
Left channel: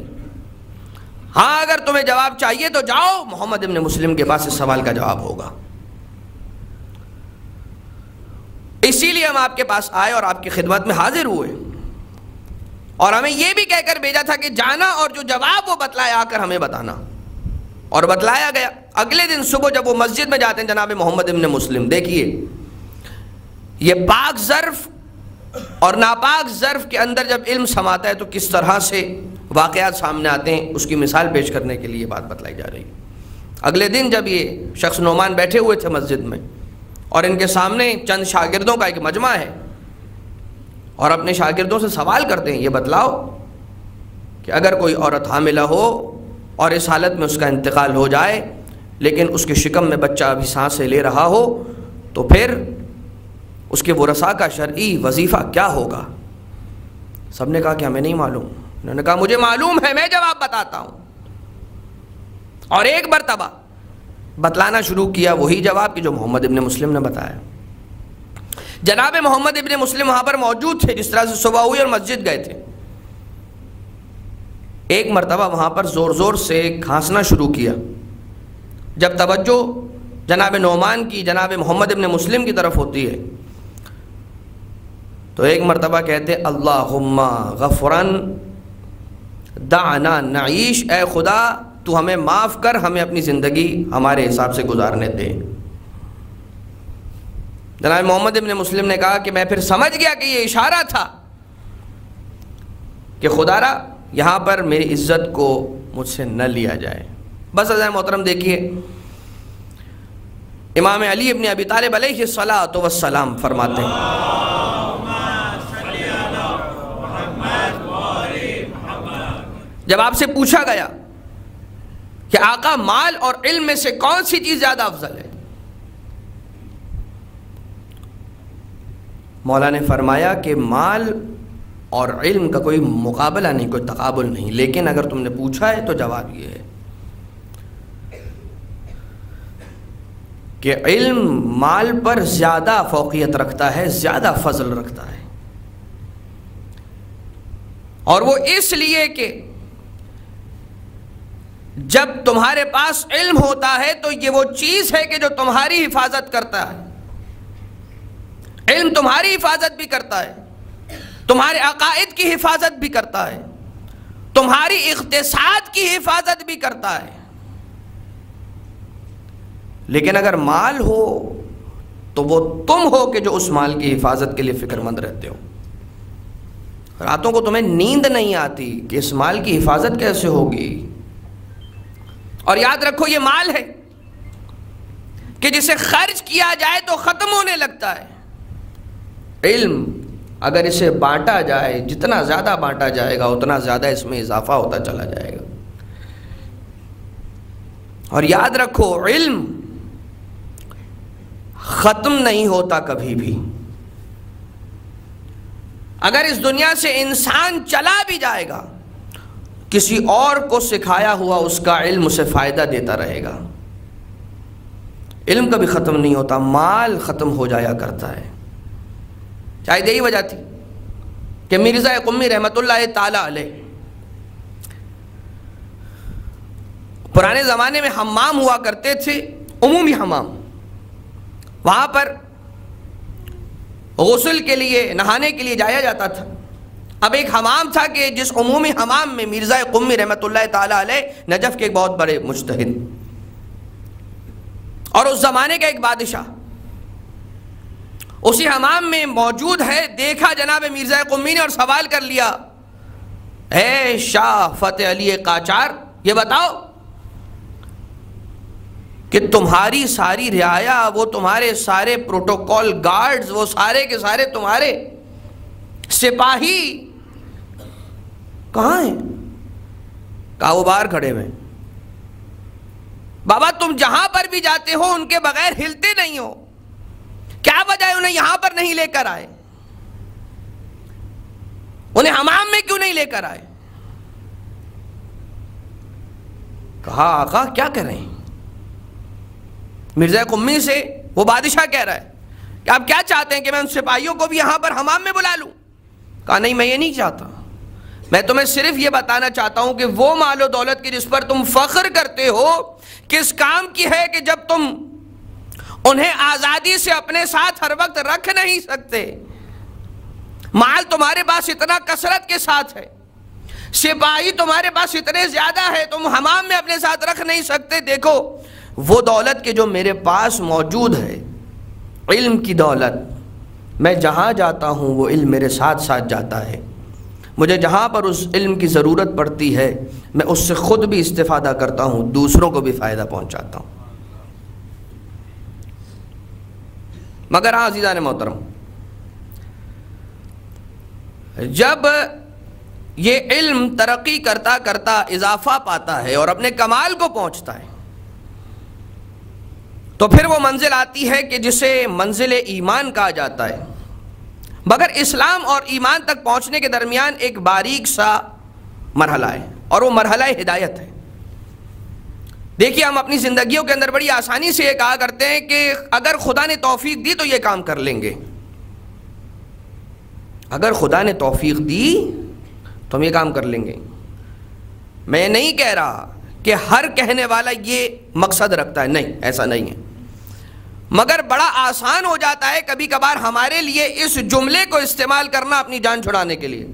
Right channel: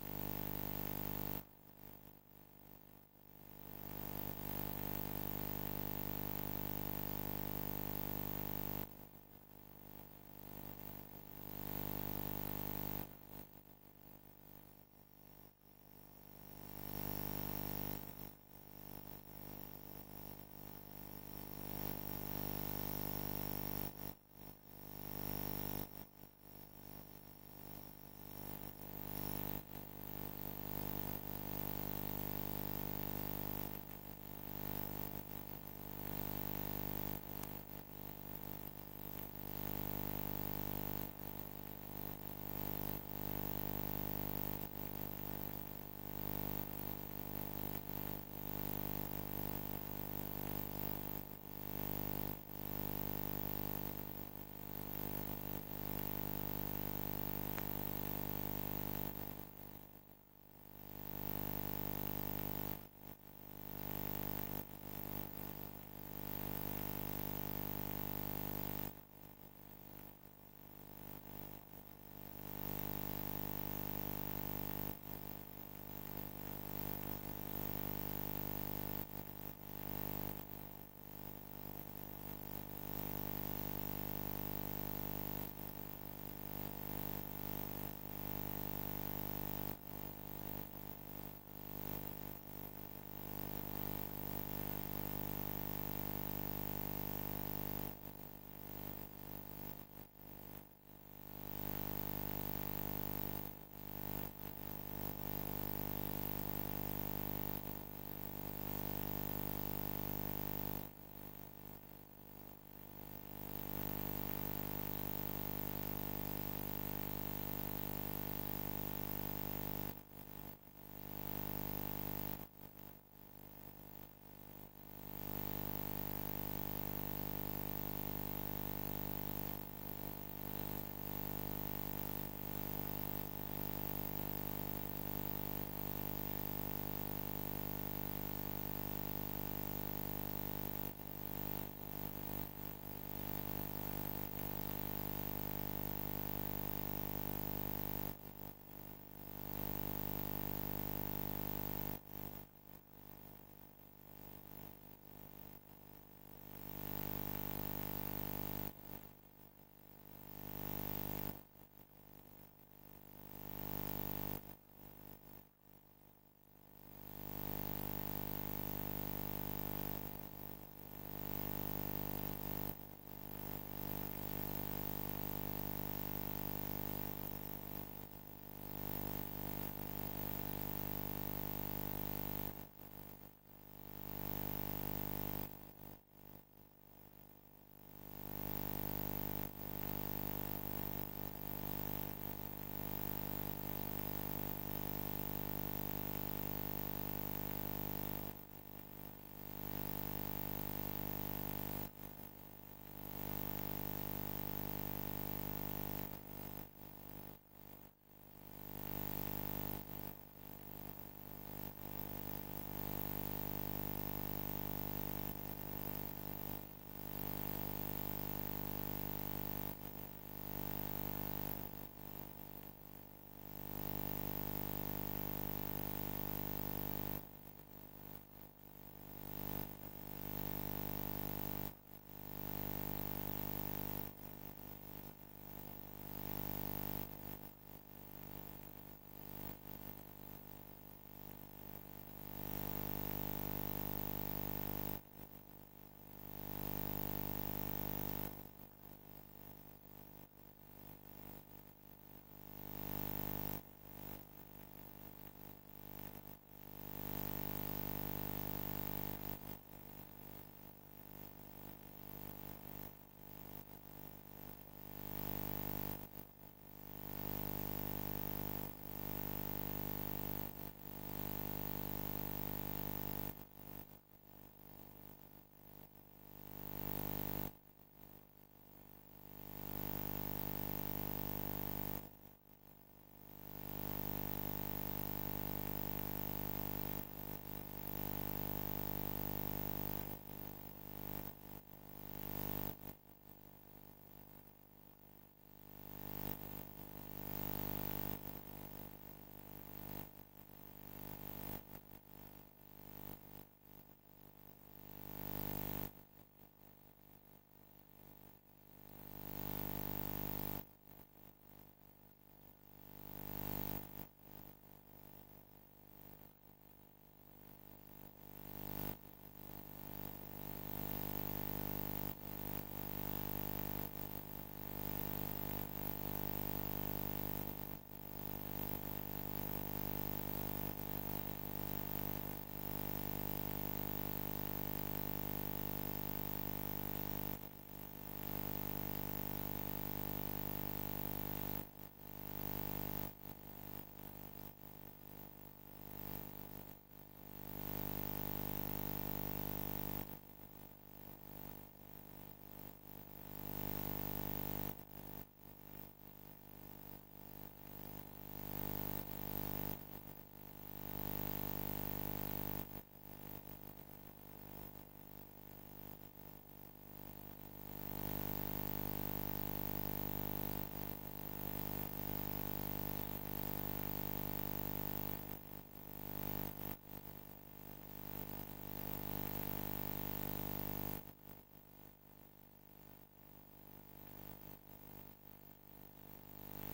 ہاں اگر تمہیں جواب چاہیے تو جاؤ، محمد ابن مسلم کے پاس اس سوال کا جواب ہوگا۔ اسی لیے ہم آپ کے پاس آئے اور آپ کی خدمت میں حاضر ہوئے، اور ہمیں یہ بھی کہہ کر بھیجا تھا کہ جانا اور جو جواب وہ بتلایا آ کر ہمیں بتانا، اور بتلایا گیا۔ اگلے دن صبح جب وہ مسجد میں جاتے ہیں جناب محمد ابن مسلم، دیکھیے یہ پاک ظرف اور ناپاک ظرف کے اندر جب علم سماتا ہے تو کس طرح سے واقعات سامنے آتے ہیں، اس کی مثال پیش کرنے کے لیے بات بتلائی جا رہی ہے۔ اگلے دن جب یہ شخص نعمان بیٹھے ہوئے تھے مسجد میں، اور ان کے سامنے چند شاگردوں کا ایک مجمع ہے، اور اپنے شاگردوں سے سوال کرتے ہیں، یہ بتلاؤ کہ اگر کوئی عورت حاملہ ہو اور اس حالت میں اس کا انتقال ہو جائے لیکن اس کے شکم میں بچہ ابھی سانسیں لے رہا ہو تو پھر اس کے ورثاء کا شرعی وظیفہ کیا ہوگا؟ سب نے کہا کہ ہمیں نہیں معلوم۔ انہوں نے کہا مجھے معلوم ہے، میں جواب بتاتا ہوں، اور ایک مرتبہ بتلانا شروع کیا وہی جواب کہ جو محمد ابن مسلم نے بتایا۔ جناب محمد ابن مسلم وہاں پر موجود تھے، جس طرح سے صبح ہوئی اور مسجد گئے تھے۔ ایک مرتبہ وہاں پر زور زور سے کھانسنا شروع کیا۔ جب توجہ جناب نعمان کی جناب محمد ابن مسلم کی طرف ہوتی ہے تو ایک مرتبہ کہتے اللہم غفرن دعنا نعیش، اے خدا تو ہمیں معاف کر، ہمیں اپنی زندگی ہمارے حساب سے گزارنے دے۔ جناب محمد ابن مسلم نے کہا کہ میں پھر سمجھ گیا کہ یہ اشارہ تھا کہ خدا را یہاں پر میری عزت کو مجھ سے نہ لیا جائے۔ بس عزیز محترم دیکھیے، امام علی ابن ابی طالب علیہ الصلاۃ والسلام فرماتے ہیں جب آپ سے پوچھا گیا کہ آقا مال اور علم میں سے کون سی چیز زیادہ افضل ہے، مولا نے فرمایا کہ مال اور علم کا کوئی مقابلہ نہیں، کوئی تقابل نہیں، لیکن اگر تم نے پوچھا ہے تو جواب یہ ہے کہ علم مال پر زیادہ فوقیت رکھتا ہے، زیادہ فضل رکھتا ہے، اور وہ اس لیے کہ جب تمہارے پاس علم ہوتا ہے تو یہ وہ چیز ہے کہ جو تمہاری حفاظت کرتا ہے۔ علم تمہاری حفاظت بھی کرتا ہے، تمہارے عقائد کی حفاظت بھی کرتا ہے، تمہاری اقتصاد کی حفاظت بھی کرتا ہے۔ لیکن اگر مال ہو تو وہ تم ہو کہ جو اس مال کی حفاظت کے لیے فکر مند رہتے ہو۔ راتوں کو تمہیں نیند نہیں آتی کہ اس مال کی حفاظت کیسے ہوگی، اور یاد رکھو یہ مال ہے کہ جسے خرچ کیا جائے تو ختم ہونے لگتا ہے۔ علم اگر اسے بانٹا جائے، جتنا زیادہ بانٹا جائے گا اتنا زیادہ اس میں اضافہ ہوتا چلا جائے گا۔ اور یاد رکھو علم ختم نہیں ہوتا کبھی بھی۔ اگر اس دنیا سے انسان چلا بھی جائے گا، کسی اور کو سکھایا ہوا اس کا علم اسے فائدہ دیتا رہے گا۔ علم کبھی ختم نہیں ہوتا، مال ختم ہو جایا کرتا ہے۔ شاید یہی وجہ تھی کہ مرزا قمی رحمۃ اللہ تعالی علیہ پرانے زمانے میں حمام ہوا کرتے تھے، عمومی حمام، وہاں پر غسل کے لیے، نہانے کے لیے جایا جاتا تھا۔ اب ایک حمام تھا کہ جس عمومی حمام میں مرزا قمی رحمۃ اللہ تعالی علیہ، نجف کے ایک بہت بڑے مجتہد اور اس زمانے کا ایک بادشاہ اسی حمام میں موجود ہے، دیکھا جناب مرزا قمی نے اور سوال کر لیا، اے شاہ فتح علی قاچار، یہ بتاؤ کہ تمہاری ساری رعایا، وہ تمہارے سارے پروٹوکول گارڈز، وہ سارے کے سارے تمہارے سپاہی کہاں ہیں؟ کہا وہ باہر کھڑے ہوئے۔ بابا تم جہاں پر بھی جاتے ہو ان کے بغیر ہلتے نہیں ہو، کیا وجہ ہے انہیں یہاں پر نہیں لے کر آئے؟ انہیں حمام میں کیوں نہیں لے کر آئے؟ کہا آقا کیا کریں؟ مرزا قمی سے وہ بادشاہ کہہ رہا ہے کہ آپ کیا چاہتے ہیں کہ میں ان سپاہیوں کو بھی یہاں پر حمام میں بلا لوں؟ کہا نہیں، میں یہ نہیں چاہتا، میں تمہیں صرف یہ بتانا چاہتا ہوں کہ وہ مال و دولت کی جس پر تم فخر کرتے ہو کس کام کی ہے کہ جب تم انہیں آزادی سے اپنے ساتھ ہر وقت رکھ نہیں سکتے، مال تمہارے پاس اتنا کثرت کے ساتھ ہے، سپاہی تمہارے پاس اتنے زیادہ ہے، تم حمام میں اپنے ساتھ رکھ نہیں سکتے۔ دیکھو وہ دولت کے جو میرے پاس موجود ہے، علم کی دولت، میں جہاں جاتا ہوں وہ علم میرے ساتھ ساتھ جاتا ہے، مجھے جہاں پر اس علم کی ضرورت پڑتی ہے میں اس سے خود بھی استفادہ کرتا ہوں، دوسروں کو بھی فائدہ پہنچاتا ہوں۔ مگر ہاں عزیزان محترم، جب یہ علم ترقی کرتا کرتا اضافہ پاتا ہے اور اپنے کمال کو پہنچتا ہے تو پھر وہ منزل آتی ہے کہ جسے منزل ایمان کہا جاتا ہے۔ مگر اسلام اور ایمان تک پہنچنے کے درمیان ایک باریک سا مرحلہ ہے اور وہ مرحلہ ہدایت ہے۔ دیکھیے ہم اپنی زندگیوں کے اندر بڑی آسانی سے یہ کہا کرتے ہیں کہ اگر خدا نے توفیق دی تو یہ کام کر لیں گے، اگر خدا نے توفیق دی تو ہم یہ کام کر لیں گے۔ میں نہیں کہہ رہا کہ ہر کہنے والا یہ مقصد رکھتا ہے، نہیں، ایسا نہیں ہے، مگر بڑا آسان ہو جاتا ہے کبھی کبھار ہمارے لیے اس جملے کو استعمال کرنا اپنی جان چھڑانے کے لیے۔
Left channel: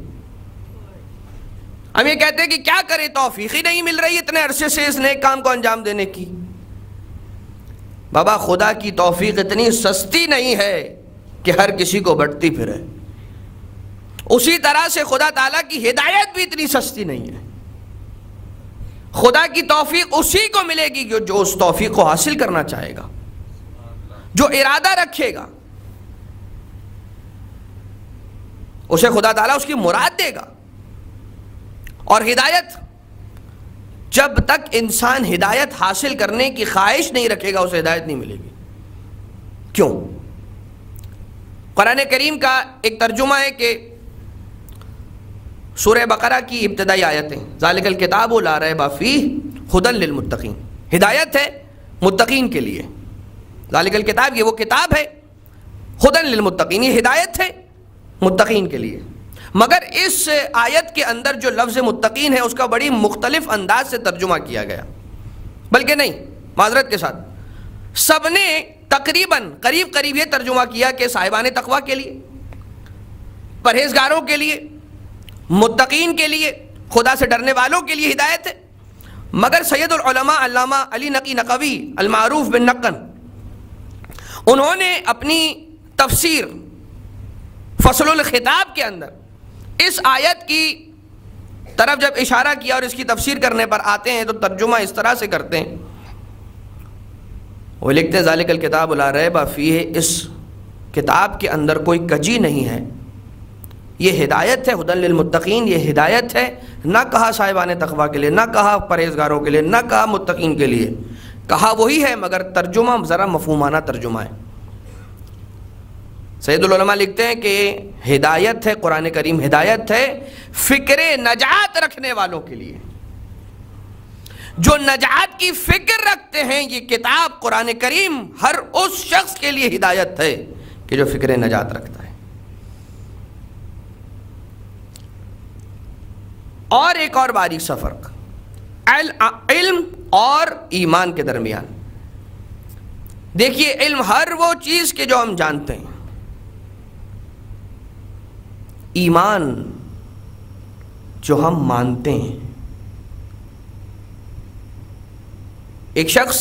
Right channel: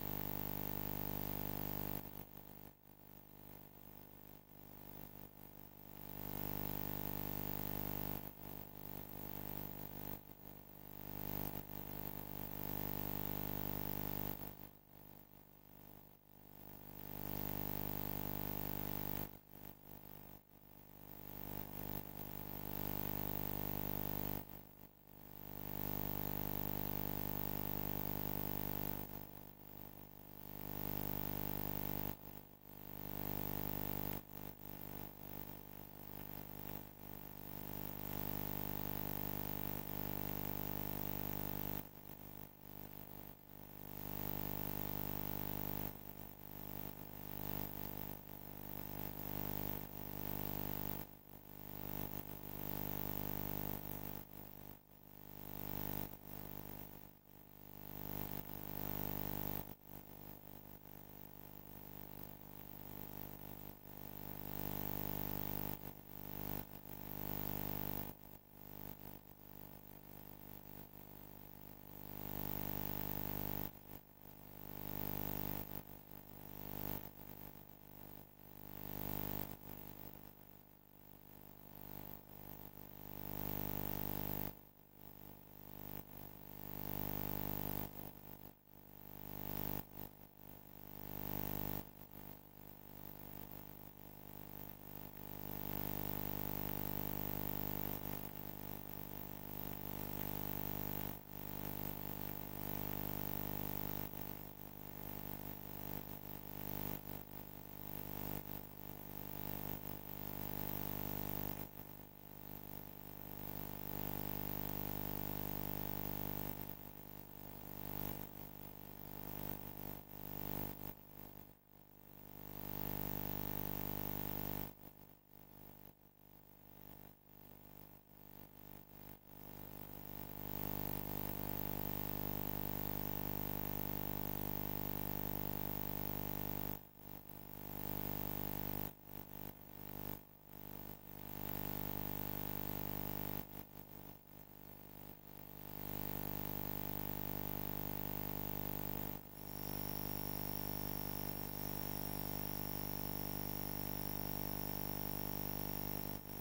ہم یہ کہتے ہیں کہ کیا کریں، توفیق ہی نہیں مل رہی اتنے عرصے سے اس نیک کام کو انجام دینے کی۔ بابا خدا کی توفیق اتنی سستی نہیں ہے کہ ہر کسی کو بٹتی پھرے، اسی طرح سے خدا تعالیٰ کی ہدایت بھی اتنی سستی نہیں ہے۔ خدا کی توفیق اسی کو ملے گی جو اس توفیق کو حاصل کرنا چاہے گا، جو ارادہ رکھے گا، اسے خدا تعالیٰ اس کی مراد دے گا۔ اور ہدایت، جب تک انسان ہدایت حاصل کرنے کی خواہش نہیں رکھے گا اسے ہدایت نہیں ملے گی۔ کیوں؟ قرآن کریم کا ایک ترجمہ ہے کہ سورہ بقرہ کی ابتدائی آیتیں، ذالک الکتاب لا ریب فیہ ھدی للمتقین، ہدایت ہے متقین کے لیے۔ ذالک الکتاب، یہ وہ کتاب ہے، ھدی للمتقین، یہ ہدایت ہے متقین کے لیے۔ مگر اس آیت کے اندر جو لفظ متقین ہے اس کا بڑی مختلف انداز سے ترجمہ کیا گیا، بلکہ نہیں، معذرت کے ساتھ سب نے تقریباً قریب یہ ترجمہ کیا کہ صاحبان تقویٰ کے لیے، پرہیزگاروں کے لیے، متقین کے لیے، خدا سے ڈرنے والوں کے لیے ہدایت ہے۔ مگر سید العلماء علامہ علی نقی نقوی المعروف بالنقن، انہوں نے اپنی تفسیر فصل الخطاب کے اندر اس آیت کی طرف جب اشارہ کیا اور اس کی تفسیر کرنے پر آتے ہیں تو ترجمہ اس طرح سے کرتے ہیں، وہ لکھتے ہیں ذالک الکتاب لا ریب فیہ، اس کتاب کے اندر کوئی کجی نہیں ہے، یہ ہدایت ہے، ھدی للمتقین، یہ ہدایت ہے، نہ کہا صاحبان تقویٰ کے لیے، نہ کہا پرہیزگاروں کے لیے، نہ کہا متقین کے لیے، کہا وہی ہے مگر ترجمہ ذرا مفہومانہ ترجمہ ہے۔ سید العلماء لکھتے ہیں کہ ہدایت ہے، قرآن کریم ہدایت ہے فکر نجات رکھنے والوں کے لیے، جو نجات کی فکر رکھتے ہیں، یہ کتاب قرآن کریم ہر اس شخص کے لیے ہدایت ہے کہ جو فکر نجات رکھتا ہے۔ اور ایک اور باریک سا فرق علم اور ایمان کے درمیان، دیکھیے علم ہر وہ چیز کے جو ہم جانتے ہیں، ایمان جو ہم مانتے ہیں۔ ایک شخص،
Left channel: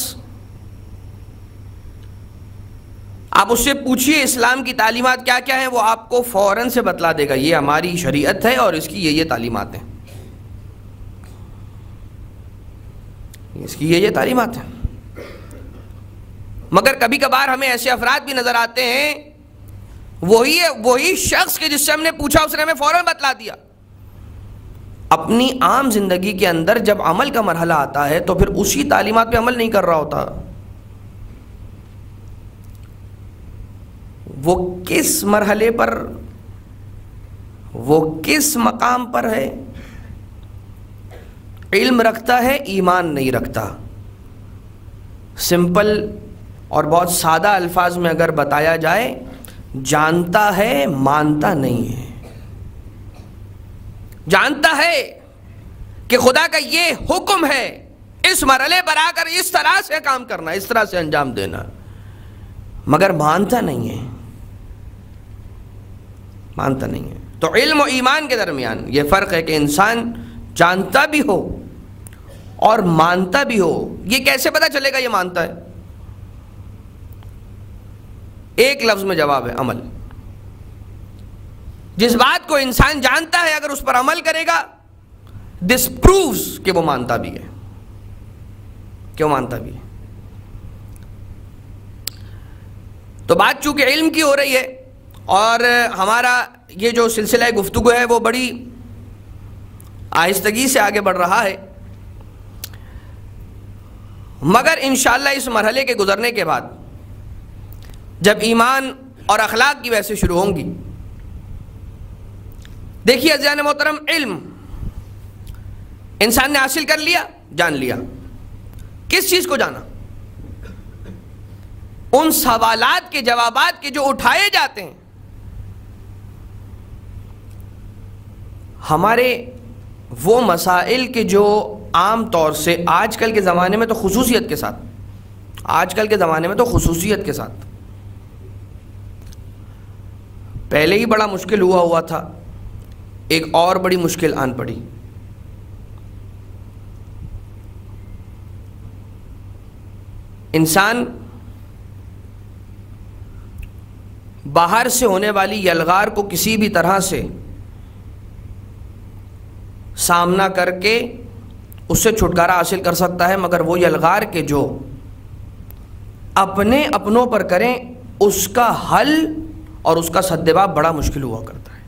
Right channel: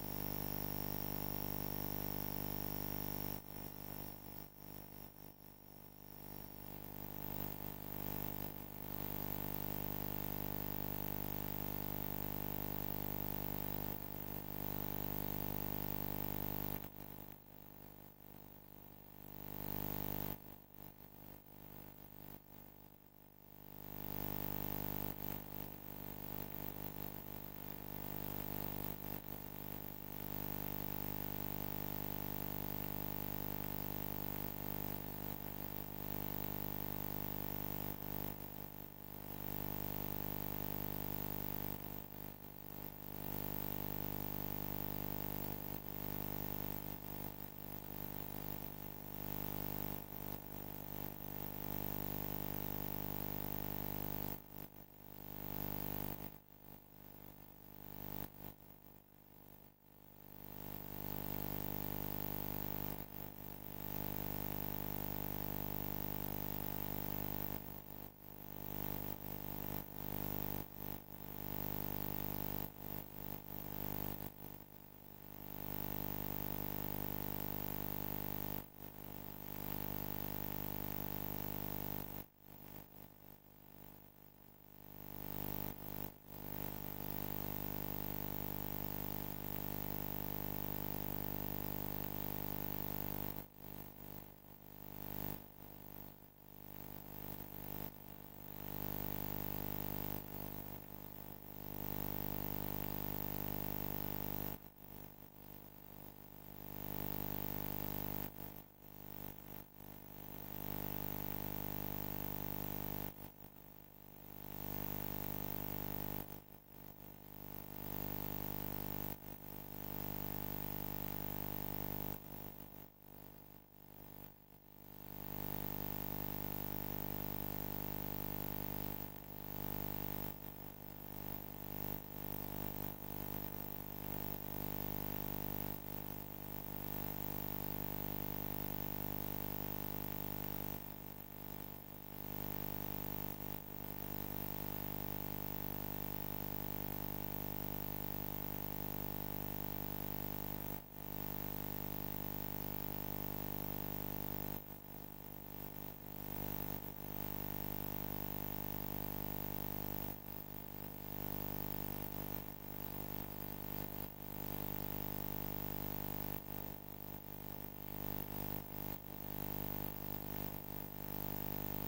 آپ اس سے پوچھئے اسلام کی تعلیمات کیا کیا ہیں، وہ آپ کو فوراً سے بتلا دے گا یہ ہماری شریعت ہے اور اس کی یہ تعلیمات ہیں، اس کی یہ تعلیمات ہیں۔ مگر کبھی کبھار ہمیں ایسے افراد بھی نظر آتے ہیں، وہی شخص کے جس سے ہم نے پوچھا اس نے ہمیں فوراً بتلا دیا، اپنی عام زندگی کے اندر جب عمل کا مرحلہ آتا ہے تو پھر اسی تعلیمات پہ عمل نہیں کر رہا ہوتا۔ وہ کس مرحلے پر، وہ کس مقام پر ہے؟ علم رکھتا ہے، ایمان نہیں رکھتا، سمپل اور بہت سادہ الفاظ میں اگر بتایا جائے، جانتا ہے مانتا نہیں ہے. جانتا ہے کہ خدا کا یہ حکم ہے، اس مرحلے پر آ کر اس طرح سے کام کرنا، اس طرح سے انجام دینا، مگر مانتا نہیں ہے. مانتا نہیں ہے. تو علم و ایمان کے درمیان یہ فرق ہے کہ انسان جانتا بھی ہو اور مانتا بھی ہو. یہ کیسے پتا چلے گا یہ مانتا ہے؟ ایک لفظ میں جواب ہے، عمل. جس بات کو انسان جانتا ہے اگر اس پر عمل کرے گا، دس پرووز کہ وہ مانتا بھی ہے، کیوں مانتا بھی ہے. تو بات چونکہ علم کی ہو رہی ہے اور ہمارا یہ جو سلسلہ گفتگو ہے وہ بڑی آہستگی سے آگے بڑھ رہا ہے، مگر انشاءاللہ اس مرحلے کے گزرنے کے بعد جب ایمان اور اخلاق کی بحثیں شروع ہوں گی. دیکھیے عزیزان محترم، علم انسان نے حاصل کر لیا، جان لیا. کس چیز کو جانا؟ ان سوالات کے جوابات کے جو اٹھائے جاتے ہیں ہمارے وہ مسائل کے جو عام طور سے آج کل کے زمانے میں تو خصوصیت کے ساتھ پہلے ہی بڑا مشکل ہوا تھا، ایک اور بڑی مشکل آن پڑی. انسان باہر سے ہونے والی یلغار کو کسی بھی طرح سے سامنا کر کے اس سے چھٹکارا حاصل کر سکتا ہے، مگر وہ یلغار کے جو اپنے اپنوں پر کریں اس کا حل اور اس کا سدباب بڑا مشکل ہوا کرتا ہے.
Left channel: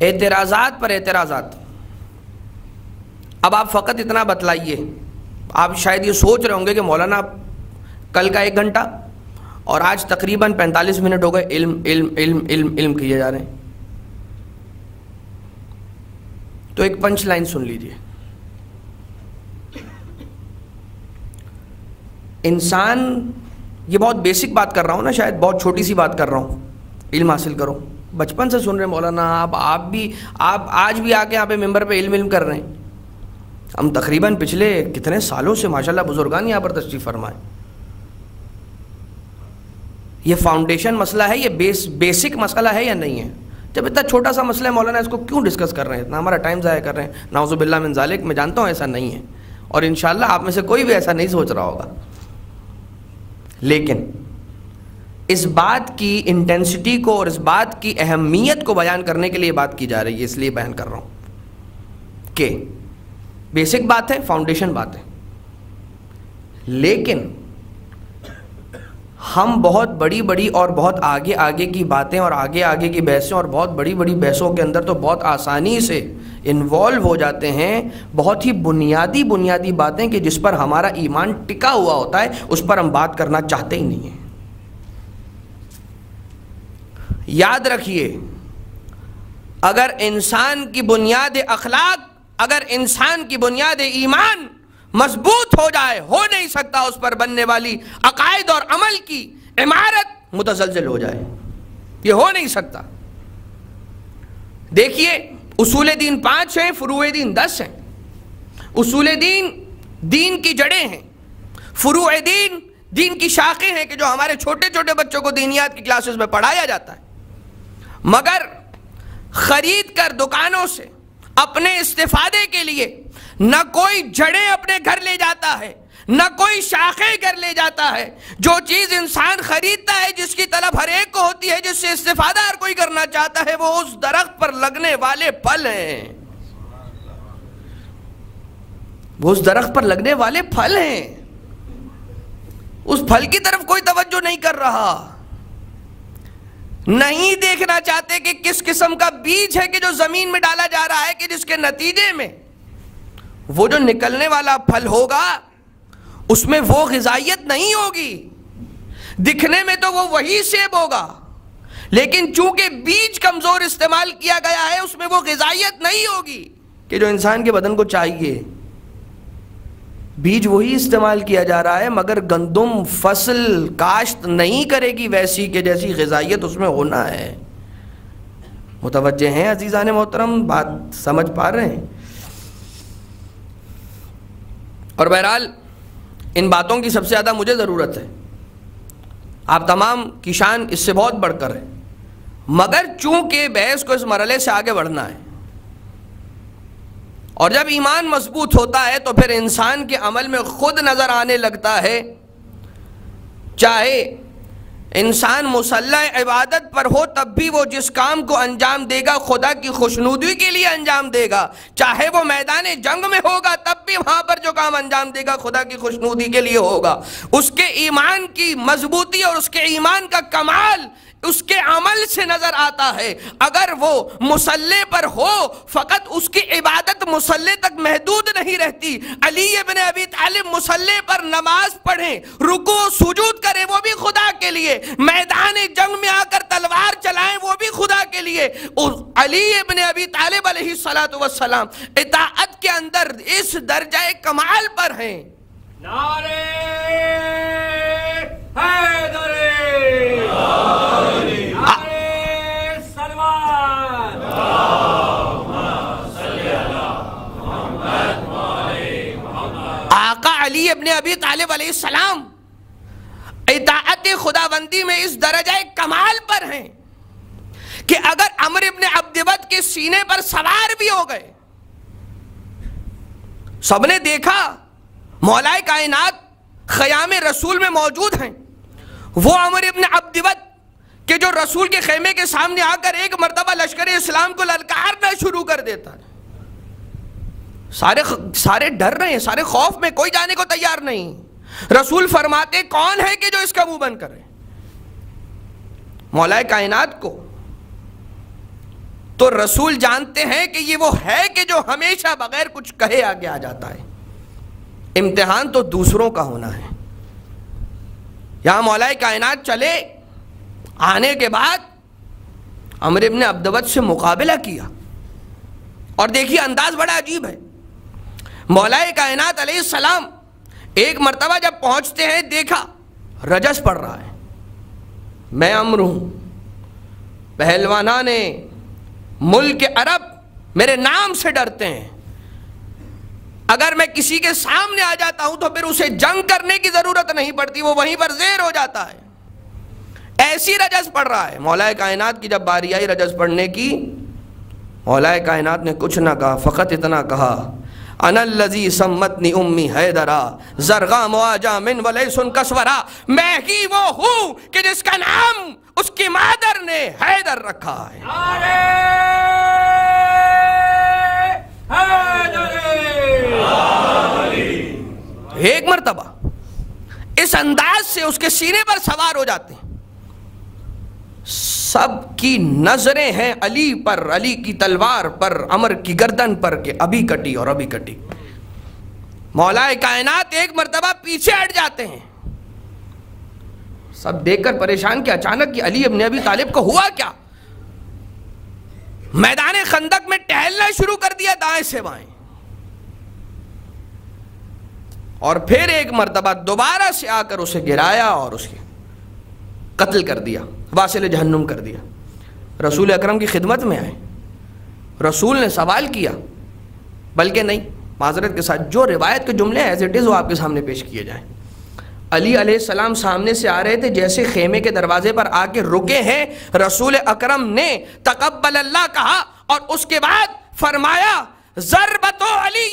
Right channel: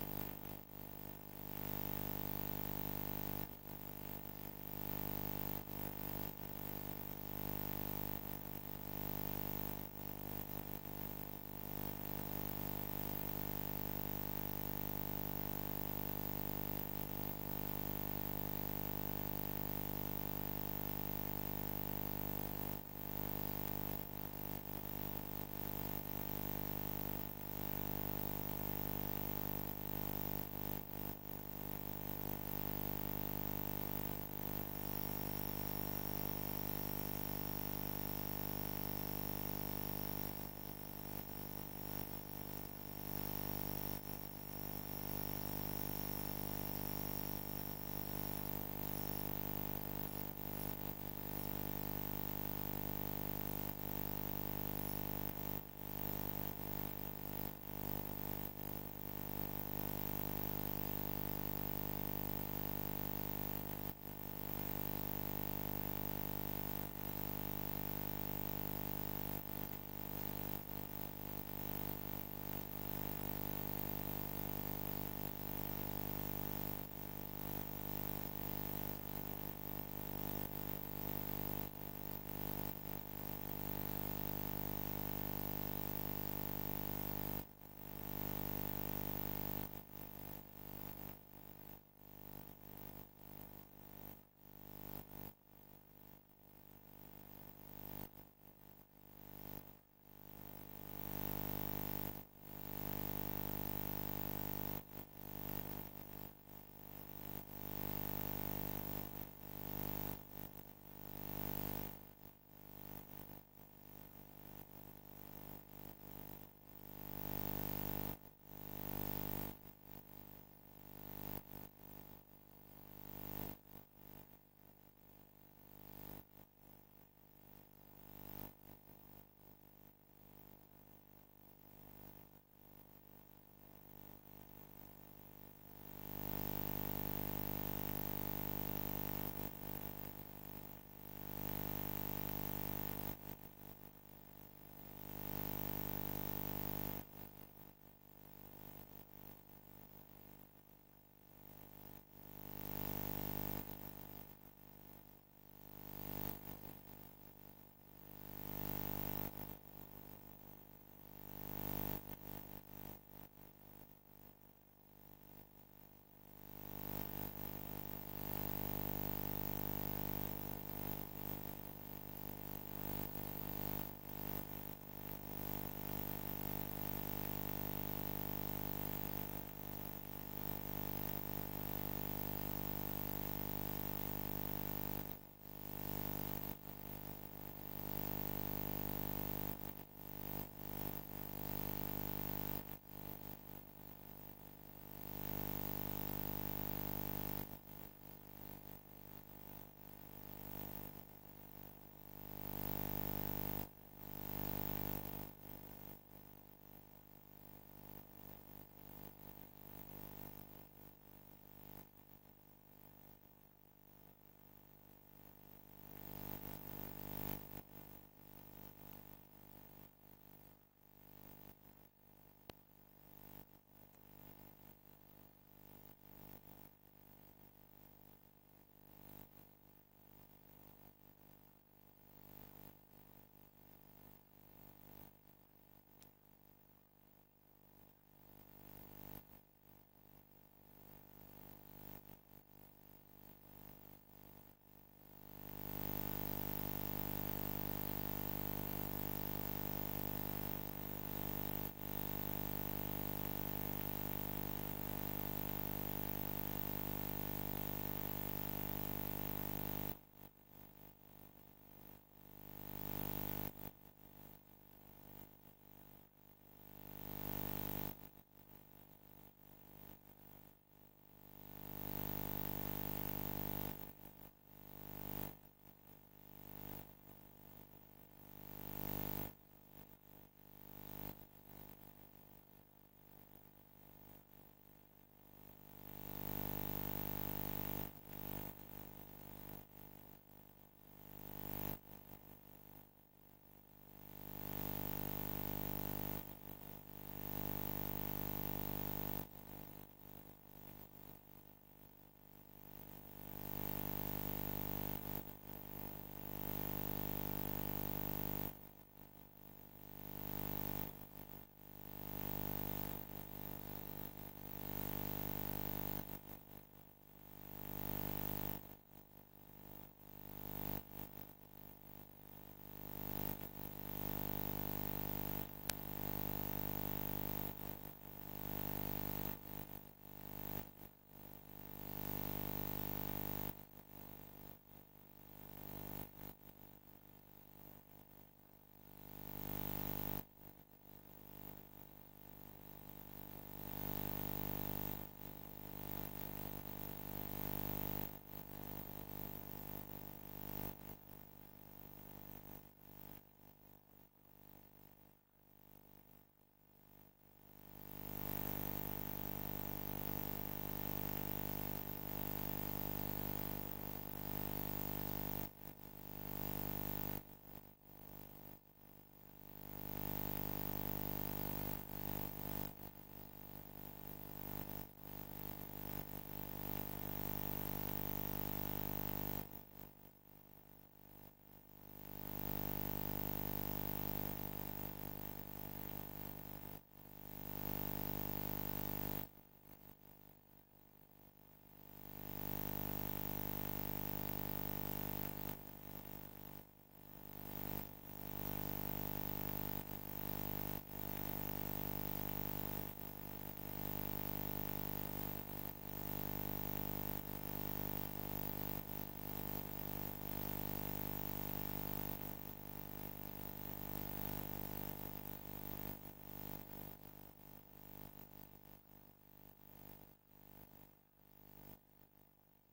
اعتراضات پر اعتراضات. اب آپ فقط اتنا بتلائیے، آپ شاید یہ سوچ رہے ہوں گے کہ مولانا کل کا 1 گھنٹہ اور آج تقریباً 45 منٹ ہو گئے علم علم علم علم علم کیے جا رہے ہیں. تو ایک پنچ لائن سن لیجئے. انسان، یہ بہت بیسک بات کر رہا ہوں نا، شاید بہت چھوٹی سی بات کر رہا ہوں، علم حاصل کرو. بچپن سے سن رہے ہیں مولانا، آپ آج بھی آ کے یہاں پہ ممبر پہ علم کر رہے ہیں. ہم تقریباً پچھلے کتنے سالوں سے ماشاءاللہ بزرگان یہاں پر تشریف فرمائے. یہ فاؤنڈیشن مسئلہ ہے، یہ بیسک مسئلہ ہے یا نہیں ہے؟ جب اتنا چھوٹا سا مسئلہ ہے مولانا اس کو کیوں ڈسکس کر رہے ہیں، اتنا ہمارا ٹائم ضائع کر رہے ہیں؟ نعوذ باللہ من ذالک. میں جانتا ہوں ایسا نہیں ہے اور انشاءاللہ آپ میں سے کوئی بھی ایسا نہیں سوچ رہا ہوگا، لیکن اس بات کی انٹینسٹی کو اور اس بات کی اہمیت کو بیان کرنے کے لیے بات کی جا رہی ہے، اس لیے بیان کر رہا ہوں کہ بیسک بات ہے، فاؤنڈیشن بات ہے. لیکن ہم بہت بڑی اور بہت آگے کی باتیں اور آگے کی بحثیں اور بہت بڑی بحثوں کے اندر تو بہت آسانی سے انوالو ہو جاتے ہیں. بہت ہی بنیادی باتیں کہ جس پر ہمارا ایمان ٹکا ہوا ہوتا ہے اس پر ہم بات کرنا چاہتے ہی نہیں ہیں. یاد رکھیے، اگر انسان کی بنیاد اخلاق، اگر انسان کی بنیاد ایمان مضبوط ہو جائے، ہو نہیں سکتا اس پر بننے والی عقائد اور عمل کی عمارت متزلزل ہو جائے. یہ ہو نہیں سکتا. دیکھیے، اصول دین 5 ہیں، فروع دین 10 ہیں. اصول دین کی جڑیں ہیں، فروع دین کی شاخیں ہیں کہ جو ہمارے چھوٹے بچوں کو دینیات کی کلاسز میں پڑھایا جاتا ہے. مگر خرید کر دکانوں سے اپنے استفادے کے لیے نہ کوئی جڑیں اپنے گھر لے جاتا ہے، نہ کوئی شاخیں گھر لے جاتا ہے. جو چیز انسان خریدتا ہے، جس کی طلب ہر ایک کو ہوتی ہے، جس سے استفادہ ہر کوئی کرنا چاہتا ہے، وہ اس درخت پر لگنے والے پھل ہیں. وہ اس درخت پر لگنے والے پھل ہیں. اس پھل کی طرف کوئی توجہ نہیں کر رہا، نہیں دیکھنا چاہتے کہ کس قسم کا بیج ہے کہ جو زمین میں ڈالا جا رہا ہے، کہ جس کے نتیجے میں وہ جو نکلنے والا پھل ہوگا اس میں وہ غذائیت نہیں ہوگی. دکھنے میں تو وہ وہی سیب ہوگا، لیکن چونکہ بیج کمزور استعمال کیا گیا ہے اس میں وہ غذائیت نہیں ہوگی کہ جو انسان کے بدن کو چاہیے. بیج وہی استعمال کیا جا رہا ہے، مگر گندم فصل کاشت نہیں کرے گی ویسی کہ جیسی غذائیت اس میں ہونا ہے۔ متوجہ ہیں عزیزان محترم؟ بات سمجھ پا رہے ہیں؟ اور بہرحال ان باتوں کی سب سے زیادہ مجھے ضرورت ہے، آپ تمام کی شان اس سے بہت بڑھ کر ہے، مگر چونکہ بحث کو اس مرحلے سے آگے بڑھنا ہے، اور جب ایمان مضبوط ہوتا ہے تو پھر انسان کے عمل میں خود نظر آنے لگتا ہے، چاہے انسان مسلح عبادت پر ہو تب بھی وہ جس کام کو انجام دے گا خدا کی خوشنودی کے لیے انجام دے گا، چاہے وہ میدان جنگ میں ہوگا تب بھی وہاں پر جو کام انجام دے گا خدا کی خوشنودی کے لیے ہوگا۔ اس کے ایمان کی مضبوطی اور اس کے ایمان کا کمال اس کے عمل سے نظر آتا ہے۔ اگر وہ مصلی پر ہو فقط اس کی عبادت مصلی تک محدود نہیں رہتی، علی ابن ابی طالب مصلی پر نماز پڑھیں، رکوع و سجود کریں وہ بھی خدا کے لیے، میدان جنگ میں آ کر تلوار چلائیں وہ بھی خدا کے لیے۔ علی ابن ابی طالب علیہ السلام اطاعت کے اندر اس درجہ کمال پر ہیں۔ نعرہ حیدر، آقا علی ابن ابی طالب علیہ السلام اطاعت خداوندی میں اس درجہ کمال پر ہیں کہ اگر عمر ابن عبدود کے سینے پر سوار بھی ہو گئے، سب نے دیکھا مولا کائنات خیام رسول میں موجود ہیں، وہ عمر ابن عبدود کہ جو رسول کے خیمے کے سامنے آ کر ایک مرتبہ لشکر اسلام کو للکارنا شروع کر دیتا ہے، سارے ڈر رہے ہیں، سارے خوف میں، کوئی جانے کو تیار نہیں۔ رسول فرماتے کون ہے کہ جو اس کا منہ بند کرے؟ مولا کائنات کو۔ تو رسول جانتے ہیں کہ یہ وہ ہے کہ جو ہمیشہ بغیر کچھ کہے آگے آ جاتا ہے۔ امتحان تو دوسروں کا ہونا ہے۔ یہاں مولا کائنات چلے، آنے کے بعد عمر ابن عبدود سے مقابلہ کیا، اور دیکھیے انداز بڑا عجیب ہے۔ مولا کائنات علیہ السلام ایک مرتبہ جب پہنچتے ہیں دیکھا رجس پڑ رہا ہے، میں عمر ہوں، پہلوانان ملک عرب میرے نام سے ڈرتے ہیں، اگر میں کسی کے سامنے آ جاتا ہوں تو پھر اسے جنگ کرنے کی ضرورت نہیں پڑتی، وہ وہیں پر زیر ہو جاتا ہے، ایسی رجس پڑ رہا ہے۔ مولا کائنات کی جب باری آئی رجس پڑھنے کی، مولا کائنات نے کچھ نہ کہا، فقط اتنا کہا انا الذی سمتنی امی حیدرا زرغا مواجہ من ولیسن کسورا، میں ہی وہ ہوں کہ جس کا نام اس کی مادر نے حیدر رکھا ہے۔ نعرہ حیدر، ایک مرتبہ اس انداز سے اس کے سینے پر سوار ہو جاتے ہیں، سب کی نظریں ہیں علی پر، علی کی تلوار پر، عمر کی گردن پر کہ ابھی کٹی اور ابھی کٹی۔ مولا کائنات ایک مرتبہ پیچھے ہٹ جاتے ہیں، سب دیکھ کر پریشان کہ اچانک کہ علی ابن ابی طالب کو ہوا کیا؟ میدان خندق میں ٹہلنا شروع کر دیا دائیں سے بائیں، اور پھر ایک مرتبہ دوبارہ سے آ کر اسے گرایا اور اسے قتل کر دیا، واصل جہنم کر دیا۔ رسول اکرم کی خدمت میں آئے، رسول نے سوال کیا، بلکہ نہیں، معذرت کے ساتھ جو روایت کے جملے ایز اٹ از وہ آپ کے سامنے پیش کیے جائیں۔ علی علیہ السلام سامنے سے آ رہے تھے، جیسے خیمے کے دروازے پر آ کے رکے ہیں، رسول اکرم نے تقبل اللہ کہا، اور اس کے بعد فرمایا ضربت علی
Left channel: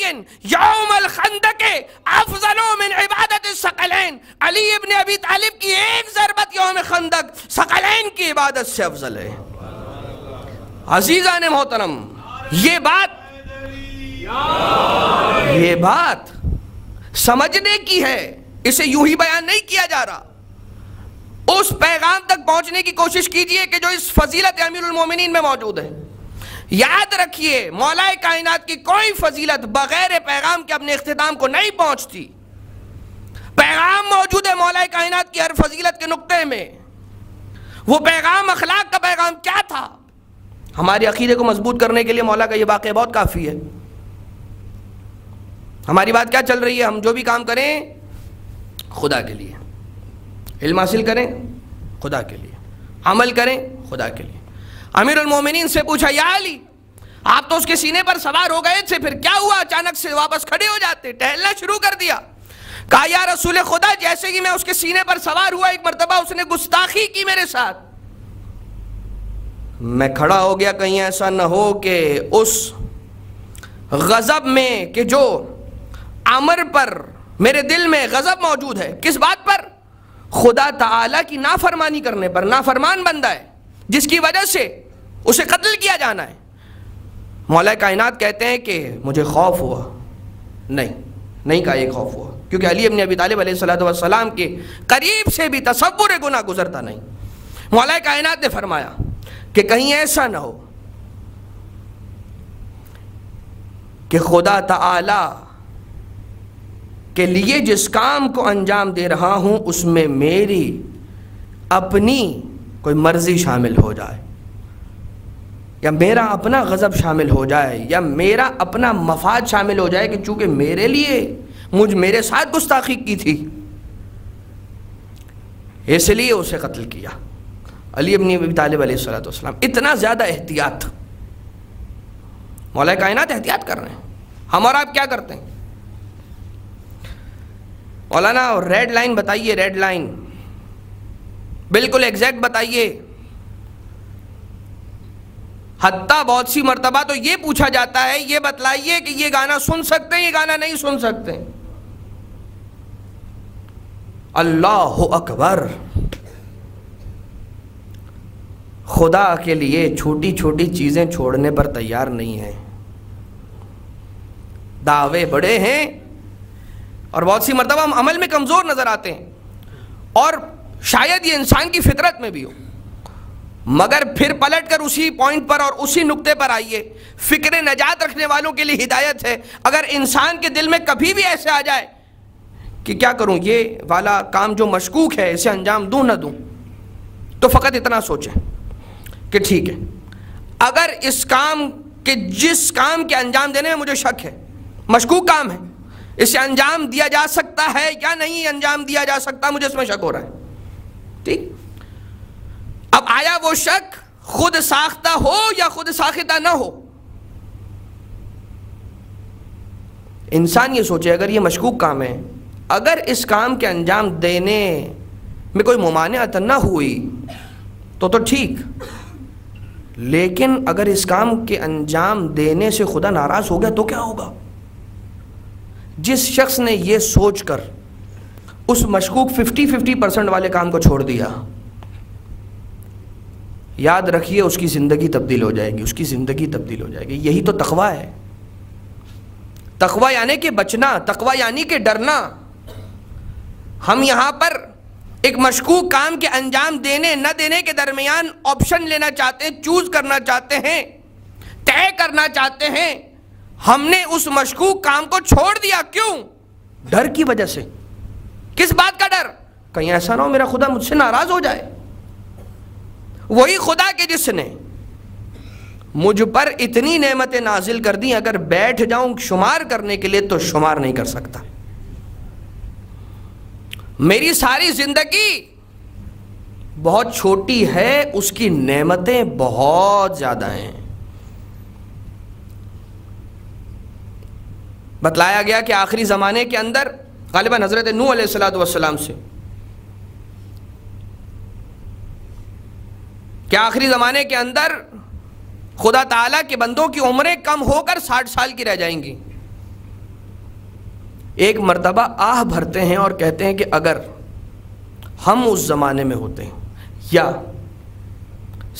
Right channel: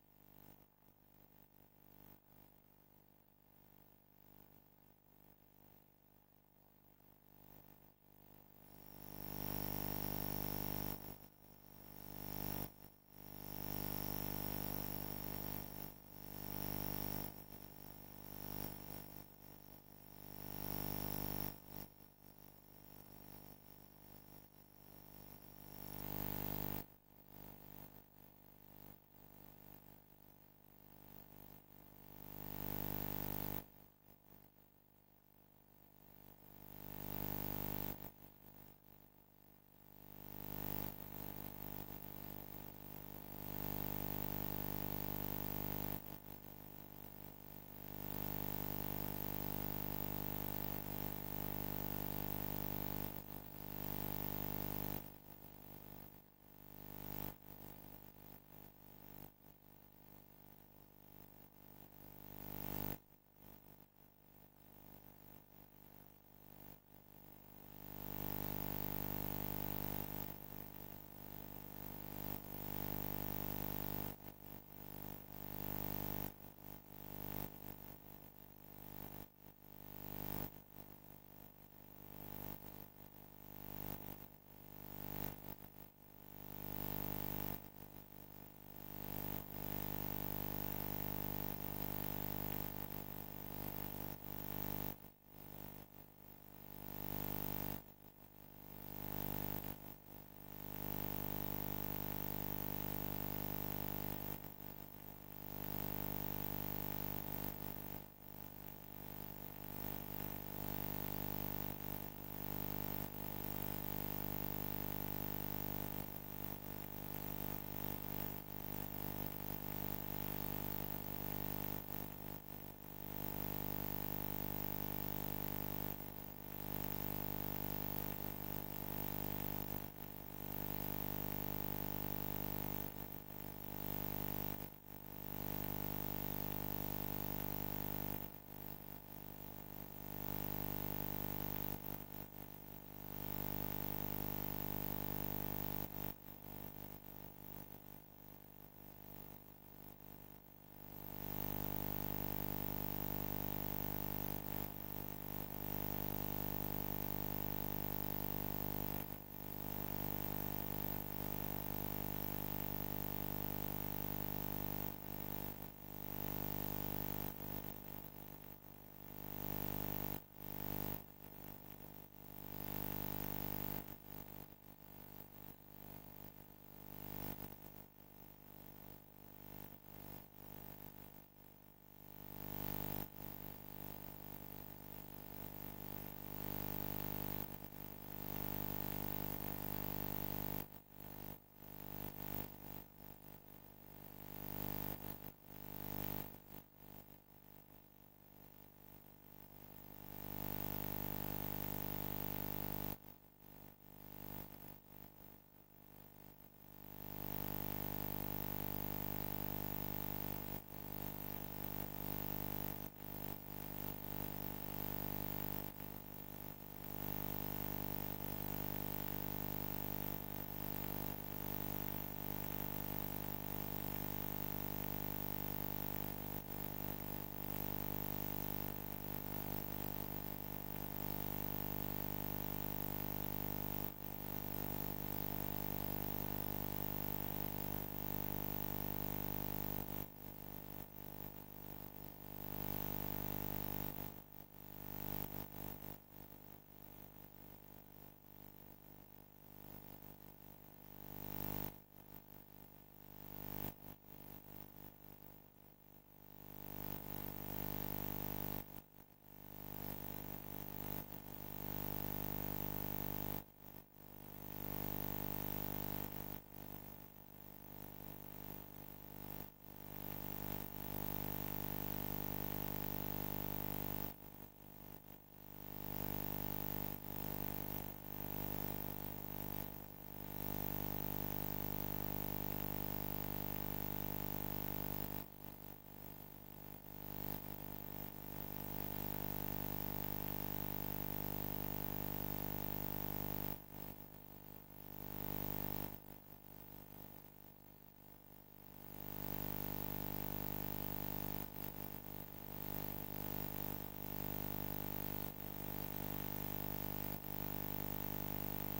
یوم الخندق افضل من عبادت الثقلین، علی ابن ابی طالب کی ایک ضربت یوم خندق ثقلین کی عبادت سے افضل ہے۔ عزیزان محترم، یہ بات سمجھنے کی ہے، اسے یوں ہی بیان نہیں کیا جا رہا۔ اس پیغام تک پہنچنے کی کوشش کیجئے کہ جو اس فضیلت امیر المومنین میں موجود ہے۔ یاد رکھیے مولا کائنات کی کوئی فضیلت بغیر پیغام کے اپنے اختتام کو نہیں پہنچتی، پیغام موجود ہے مولا کائنات کی ہر فضیلت کے نقطے میں۔ وہ پیغام اخلاق کا پیغام کیا تھا؟ ہمارے عقیدے کو مضبوط کرنے کے لیے مولا کا یہ واقعہ بہت کافی ہے۔ ہماری بات کیا چل رہی ہے؟ ہم جو بھی کام کریں خدا کے لیے، علم حاصل کریں خدا کے لیے، عمل کریں خدا کے لیے۔ امیر المومنین سے پوچھا یا علی، آپ تو اس کے سینے پر سوار ہو گئے تھے، پھر کیا ہوا اچانک سے واپس کھڑے ہو جاتے، ٹہلنا شروع کر دیا؟ کہا یا رسول خدا، جیسے کہ میں اس کے سینے پر سوار ہوا، ایک مرتبہ اس نے گستاخی کی میرے ساتھ، میں کھڑا ہو گیا، کہیں ایسا نہ ہو کہ اس غضب میں، کہ جو امر پر میرے دل میں غضب موجود ہے، کس بات پر؟ خدا تعالی کی نافرمانی کرنے پر، نافرمان بندہ ہے جس کی وجہ سے اسے قتل کیا جانا ہے۔ مولا کائنات کہتے ہیں کہ مجھے خوف ہوا، نہیں کہا یہ خوف ہوا، کیونکہ علی ابن ابی طالب علیہ السلام کے قریب سے بھی تصور گناہ گزرتا نہیں۔ مولا کائنات نے فرمایا کہ کہیں ایسا نہ ہو کہ خدا تعالی کے لیے جس کام کو انجام دے رہا ہوں اس میں میری اپنی کوئی مرضی شامل ہو جائے، یا میرا اپنا غضب شامل ہو جائے، یا میرا اپنا مفاد شامل ہو جائے، کہ چونکہ میرے لیے میرے ساتھ گستاخی کی تھی اس لیے اسے قتل کیا۔ علی ابن ابی طالب علیہ السلام، اتنا زیادہ احتیاط، مولا کائنات احتیاط کر رہے ہیں۔ ہم اور آپ کیا کرتے ہیں؟ مولانا ریڈ لائن بتائیے، ریڈ لائن بالکل ایگزیکٹ بتائیے۔ حتیٰ بہت سی مرتبہ تو یہ پوچھا جاتا ہے، یہ بتلائیے کہ یہ گانا سن سکتے ہیں، یہ گانا نہیں سن سکتے۔ اللہ اکبر! خدا کے لیے چھوٹی چھوٹی چیزیں چھوڑنے پر تیار نہیں ہیں، دعوے بڑے ہیں، اور بہت سی مرتبہ ہم عمل میں کمزور نظر آتے ہیں، اور شاید یہ انسان کی فطرت میں بھی ہو، مگر پھر پلٹ کر اسی پوائنٹ پر اور اسی نقطے پر آئیے۔ فکر نجات رکھنے والوں کے لیے ہدایت ہے، اگر انسان کے دل میں کبھی بھی ایسے آ جائے کہ کیا کروں، یہ والا کام جو مشکوک ہے اسے انجام دوں نہ دوں، تو فقط اتنا سوچیں کہ ٹھیک ہے، اگر اس کام کے جس کام کے انجام دینے میں مجھے شک ہے، مشکوک کام ہے، اسے انجام دیا جا سکتا ہے یا نہیں انجام دیا جا سکتا، مجھے اس میں شک ہو رہا ہے، ٹھیک؟ اب آیا وہ شک خود ساختہ ہو یا خود ساختہ نہ ہو، انسان یہ سوچے اگر یہ مشکوک کام ہے، اگر اس کام کے انجام دینے میں کوئی ممانعت نہ ہوئی تو ٹھیک، لیکن اگر اس کام کے انجام دینے سے خدا ناراض ہو گیا تو کیا ہوگا؟ جس شخص نے یہ سوچ کر اس مشکوک 50% والے کام کو چھوڑ دیا، یاد رکھیے اس کی زندگی تبدیل ہو جائے گی، اس کی زندگی تبدیل ہو جائے گی۔ یہی تو تقویٰ ہے۔ تقویٰ یعنی کہ بچنا، تقویٰ یعنی کہ ڈرنا۔ ہم یہاں پر ایک مشکوک کام کے انجام دینے نہ دینے کے درمیان آپشن لینا چاہتے ہیں، چوز کرنا چاہتے ہیں، طے کرنا چاہتے ہیں۔ ہم نے اس مشکوک کام کو چھوڑ دیا، کیوں؟ ڈر کی وجہ سے۔ کس بات کا ڈر؟ کہیں ایسا نہ ہو میرا خدا مجھ سے ناراض ہو جائے۔ وہی خدا کے جس نے مجھ پر اتنی نعمتیں نازل کر دی، اگر بیٹھ جاؤں شمار کرنے کے لیے تو شمار نہیں کر سکتا۔ میری ساری زندگی بہت چھوٹی ہے، اس کی نعمتیں بہت زیادہ ہیں۔ بتلایا گیا کہ آخری زمانے کے اندر غالباً حضرت نوح علیہ السلام سے کہ آخری زمانے کے اندر خدا تعالیٰ کے بندوں کی عمریں کم ہو کر 60 سال کی رہ جائیں گی۔ ایک مرتبہ آہ بھرتے ہیں اور کہتے ہیں کہ اگر ہم اس زمانے میں ہوتے ہیں، یا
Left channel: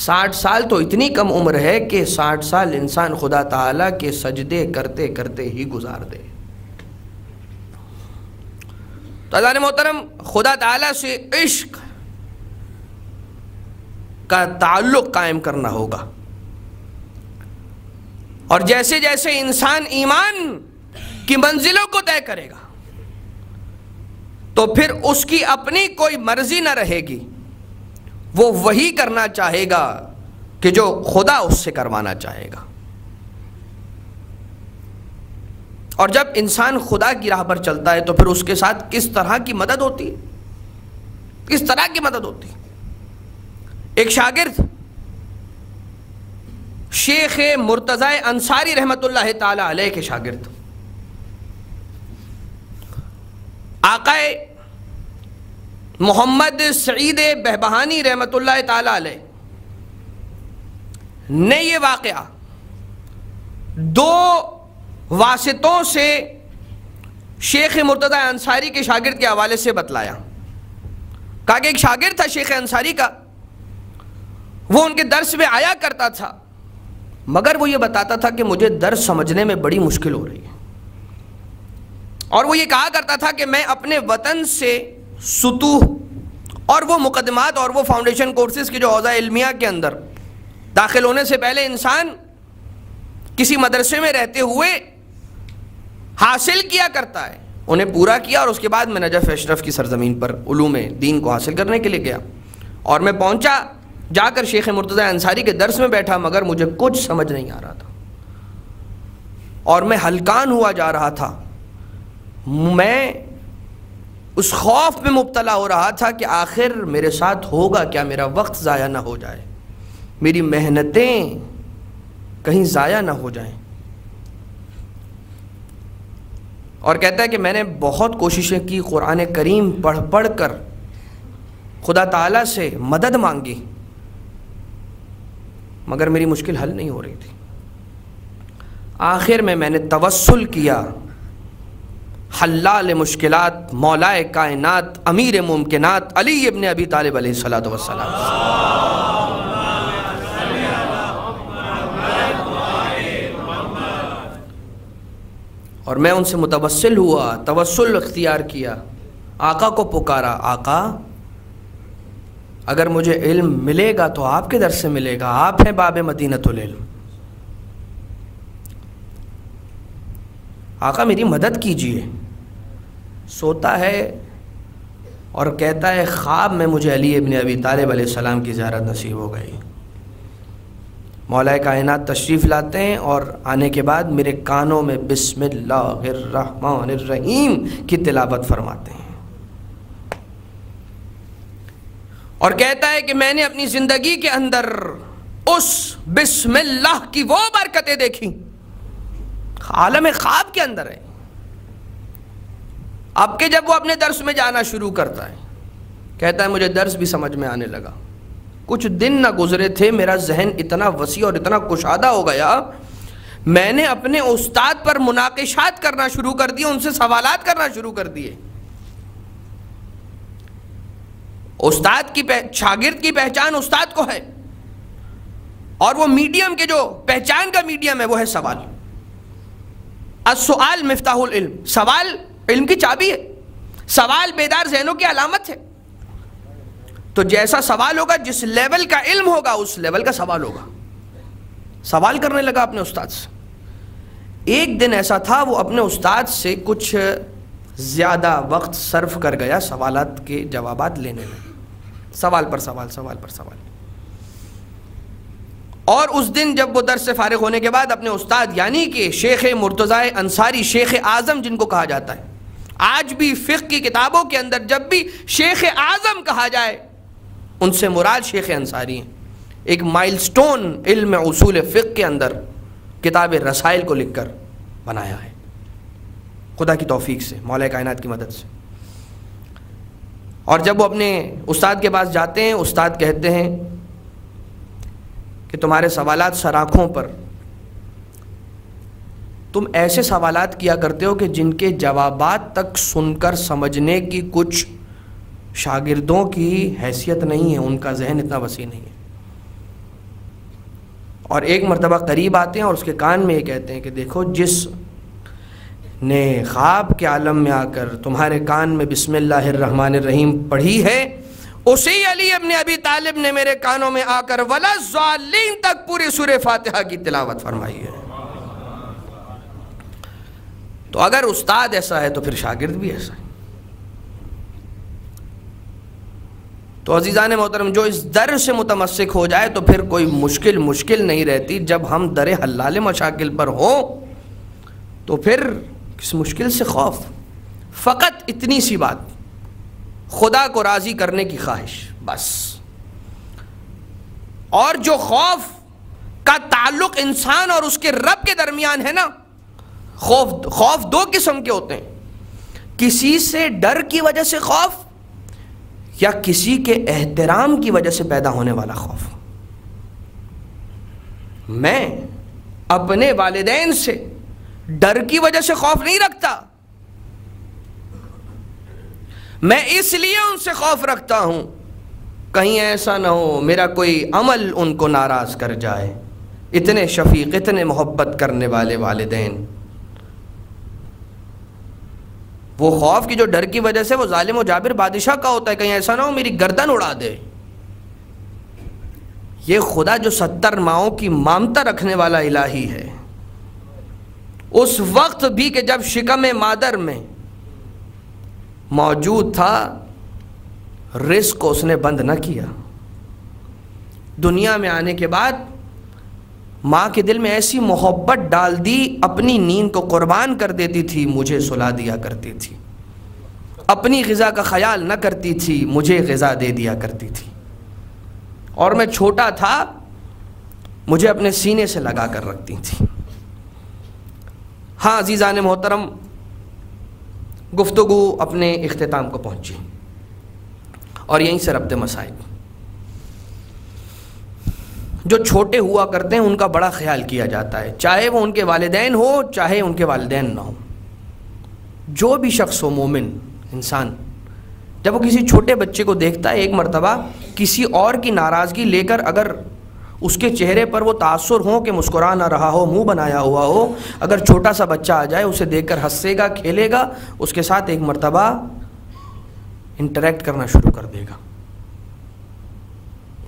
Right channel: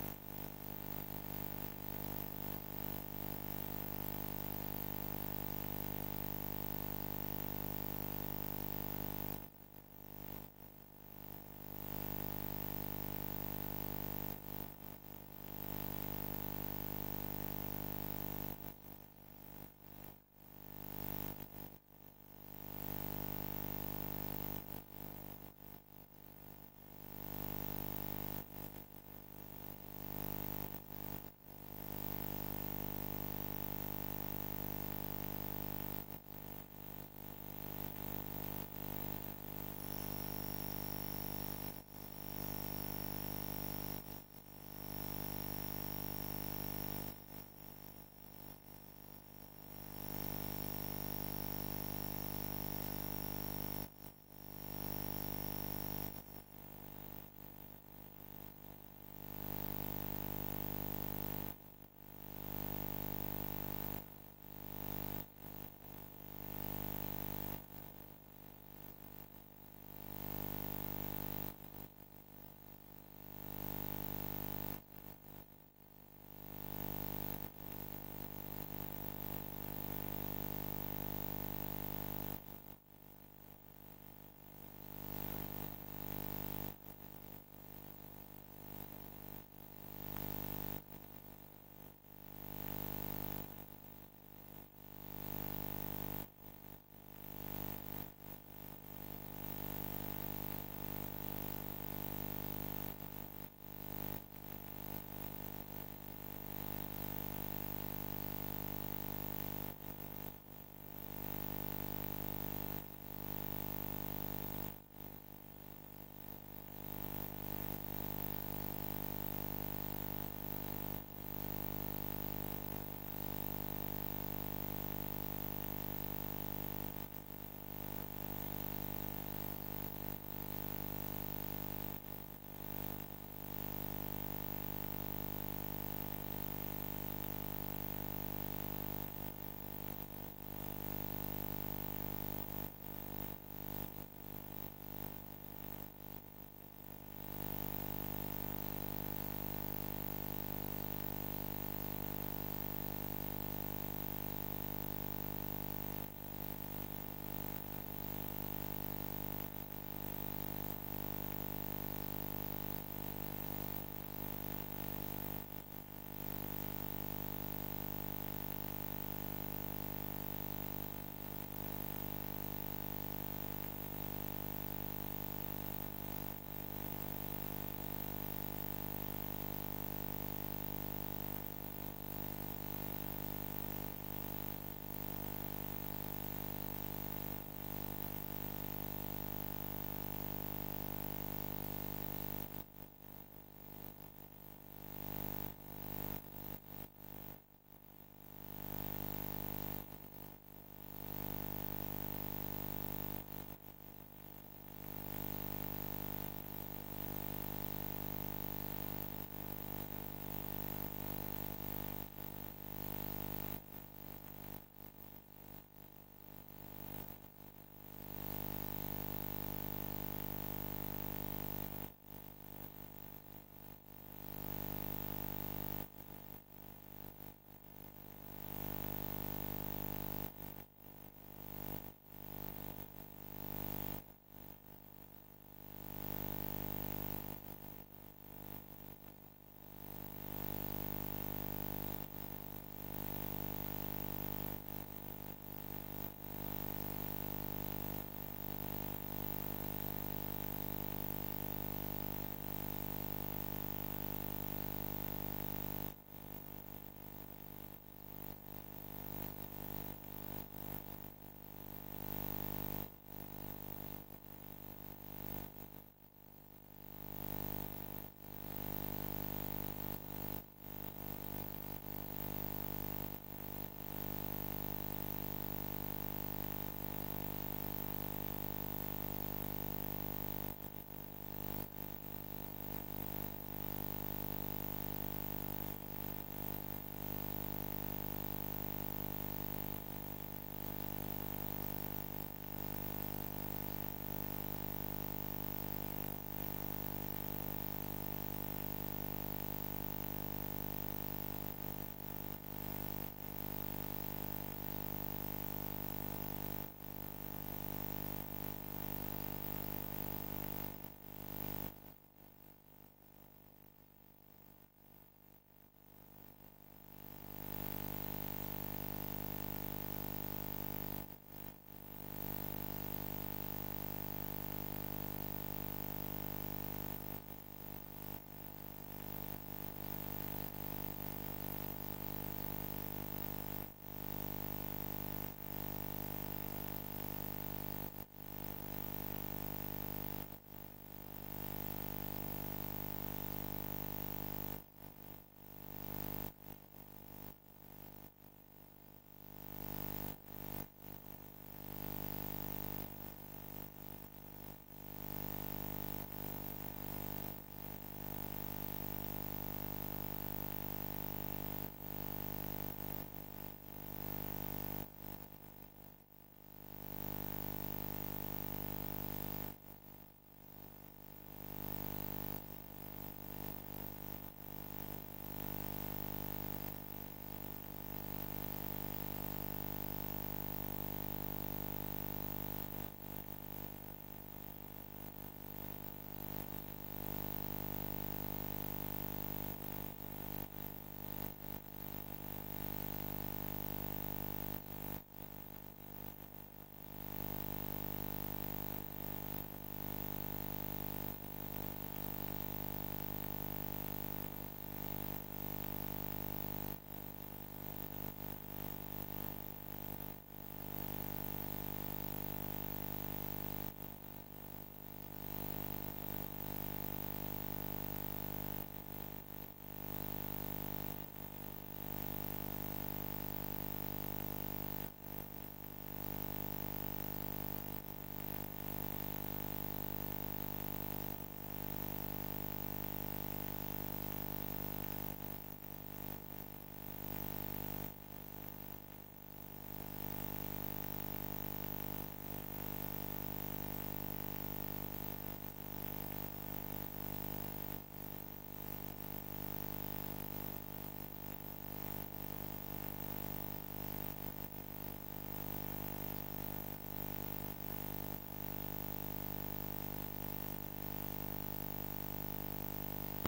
60 سال تو اتنی کم عمر ہے کہ 60 سال انسان خدا تعالیٰ کے سجدے کرتے کرتے ہی گزار دے۔ تو عزیزان محترم، خدا تعالیٰ سے عشق کا تعلق قائم کرنا ہوگا، اور جیسے جیسے انسان ایمان کی منزلوں کو طے کرے گا تو پھر اس کی اپنی کوئی مرضی نہ رہے گی، وہ وہی کرنا چاہے گا کہ جو خدا اس سے کروانا چاہے گا۔ اور جب انسان خدا کی راہ پر چلتا ہے تو پھر اس کے ساتھ کس طرح کی مدد ہوتی ہے، کس طرح کی مدد ہوتی ہے۔ ایک شاگرد شیخ مرتضی انصاری رحمۃ اللہ تعالی علیہ کے شاگرد آقا محمد سعید بہبہانی رحمۃ اللہ تعالی علیہ نے یہ واقعہ دو واسطوں سے شیخ مرتضی انصاری کے شاگرد کے حوالے سے بتلایا۔ کہا کہ ایک شاگرد تھا شیخ انصاری کا، وہ ان کے درس میں آیا کرتا تھا، مگر وہ یہ بتاتا تھا کہ مجھے درس سمجھنے میں بڑی مشکل ہو رہی ہے، اور وہ یہ کہا کرتا تھا کہ میں اپنے وطن سے سطوح اور وہ مقدمات اور وہ فاؤنڈیشن کورسز کے جو اوضاع علمیہ کے اندر داخل ہونے سے پہلے انسان کسی مدرسے میں رہتے ہوئے حاصل کیا کرتا ہے، انہیں پورا کیا، اور اس کے بعد میں نجف اشرف کی سرزمین پر علوم دین کو حاصل کرنے کے لیے گیا، اور میں پہنچا، جا کر شیخ مرتضی انصاری کے درس میں بیٹھا، مگر مجھے کچھ سمجھ نہیں آ رہا تھا اور میں ہلکان ہوا جا رہا تھا، میں اس خوف میں مبتلا ہو رہا تھا کہ آخر میرے ساتھ ہوگا کیا، میرا وقت ضائع نہ ہو جائے، میری محنتیں کہیں ضائع نہ ہو جائیں۔ اور کہتا ہے کہ میں نے بہت کوششیں کی، قرآن کریم پڑھ پڑھ کر خدا تعالیٰ سے مدد مانگی، مگر میری مشکل حل نہیں ہو رہی تھی۔ آخر میں نے توسل کیا حلال مشکلات، مولائے کائنات، امیر ممکنات علی ابن ابی طالب علیہ الصلوۃ والسلام، اور میں ان سے متوسل ہوا، توسل اختیار کیا، آقا کو پکارا، آقا اگر مجھے علم ملے گا تو آپ کے در سے ملے گا، آپ ہیں باب مدینۃ العلم، آقا میری مدد کیجئے۔ سوتا ہے اور کہتا ہے خواب میں مجھے علی ابن ابی طالب علیہ السلام کی زیارت نصیب ہو گئی، مولا کائنات تشریف لاتے ہیں اور آنے کے بعد میرے کانوں میں بسم اللہ الرحمن الرحیم کی تلاوت فرماتے ہیں، اور کہتا ہے کہ میں نے اپنی زندگی کے اندر اس بسم اللہ کی وہ برکتیں دیکھی، عالم خواب کے اندر ہے۔ اب کہ جب وہ اپنے درس میں جانا شروع کرتا ہے، کہتا ہے مجھے درس بھی سمجھ میں آنے لگا، کچھ دن نہ گزرے تھے میرا ذہن اتنا وسیع اور اتنا کشادہ ہو گیا، میں نے اپنے استاد پر مناقشات کرنا شروع کر دیے، ان سے سوالات کرنا شروع کر دیے۔ استاد کی شاگرد کی پہچان استاد کو ہے، اور وہ میڈیم کے جو پہچان کا میڈیم ہے وہ ہے سوال۔ السؤال مفتاح العلم، سوال علم کی چابی ہے، سوال بیدار ذہنوں کی علامت ہے۔ تو جیسا سوال ہوگا، جس لیول کا علم ہوگا اس لیول کا سوال ہوگا۔ سوال کرنے لگا اپنے استاد سے۔ ایک دن ایسا تھا وہ اپنے استاد سے کچھ زیادہ وقت صرف کر گیا سوالات کے جوابات لینے میں، سوال پر سوال، سوال پر سوال۔ اور اس دن جب وہ درس سے فارغ ہونے کے بعد اپنے استاد یعنی کہ شیخ مرتضی انصاری، شیخ اعظم جن کو کہا جاتا ہے، آج بھی فقہ کی کتابوں کے اندر جب بھی شیخ اعظم کہا جائے ان سے مراد شیخ انصاری ہیں۔ ایک مائل سٹون علم اصول فقہ کے اندر کتاب رسائل کو لکھ کر بنایا ہے، خدا کی توفیق سے، مولا کائنات کی مدد سے۔ اور جب وہ اپنے استاد کے پاس جاتے ہیں، استاد کہتے ہیں کہ تمہارے سوالات سراخوں پر، تم ایسے سوالات کیا کرتے ہو کہ جن کے جوابات تک سن کر سمجھنے کی کچھ شاگردوں کی حیثیت نہیں ہے، ان کا ذہن اتنا وسیع نہیں ہے۔ اور ایک مرتبہ قریب آتے ہیں اور اس کے کان میں یہ کہتے ہیں کہ دیکھو، جس نے خواب کے عالم میں آ کر تمہارے کان میں بسم اللہ الرحمن الرحیم پڑھی ہے، اسی علی ابن ابی طالب نے میرے کانوں میں آ کر ولا الضالین تک پوری سورہ فاتحہ کی تلاوت فرمائی ہے۔ تو اگر استاد ایسا ہے تو پھر شاگرد بھی ایسا ہے۔ تو عزیزان محترم، جو اس در سے متمسک ہو جائے تو پھر کوئی مشکل نہیں رہتی۔ جب ہم در حلال مشاکل پر ہوں تو پھر کس مشکل سے خوف؟ فقط اتنی سی بات، خدا کو راضی کرنے کی خواہش، بس۔ اور جو خوف کا تعلق انسان اور اس کے رب کے درمیان ہے نا، خوف دو قسم کے ہوتے ہیں، کسی سے ڈر کی وجہ سے خوف یا کسی کے احترام کی وجہ سے پیدا ہونے والا خوف۔ میں اپنے والدین سے ڈر کی وجہ سے خوف نہیں رکھتا، میں اس لیے ان سے خوف رکھتا ہوں کہیں ایسا نہ ہو میرا کوئی عمل ان کو ناراض کر جائے۔ اتنے شفیق، اتنے محبت کرنے والے والدین، وہ خوف کی جو ڈر کی وجہ سے وہ ظالم و جابر بادشاہ کا ہوتا ہے، کہیں ایسا نہ ہو میری گردن اڑا دے۔ یہ خدا جو 70 ماؤں کی مامتا رکھنے والا الہی ہے، اس وقت بھی کہ جب شکم مادر میں موجود تھا، رزق کو اس نے بند نہ کیا۔ دنیا میں آنے کے بعد ماں کے دل میں ایسی محبت ڈال دی، اپنی نیند کو قربان کر دیتی تھی، مجھے سلا دیا کرتی تھی، اپنی غذا کا خیال نہ کرتی تھی، مجھے غذا دے دیا کرتی تھی، اور میں چھوٹا تھا مجھے اپنے سینے سے لگا کر رکھتی تھی۔ ہاں عزیزان محترم، گفتگو اپنے اختتام کو پہنچی اور یہیں سے ربط مسائل۔ جو چھوٹے ہوا کرتے ہیں ان کا بڑا خیال کیا جاتا ہے، چاہے وہ ان کے والدین ہو چاہے ان کے والدین نہ ہو۔ جو بھی شخص ہو، مومن انسان، جب وہ کسی چھوٹے بچے کو دیکھتا ہے، ایک مرتبہ کسی اور کی ناراضگی لے کر اگر اس کے چہرے پر وہ تاثر ہو کہ مسکرا نہ رہا ہو، منہ بنایا ہوا ہو، اگر چھوٹا سا بچہ آ جائے اسے دیکھ کر ہنسے گا، کھیلے گا، اس کے ساتھ ایک مرتبہ انٹریکٹ کرنا شروع کر دے گا،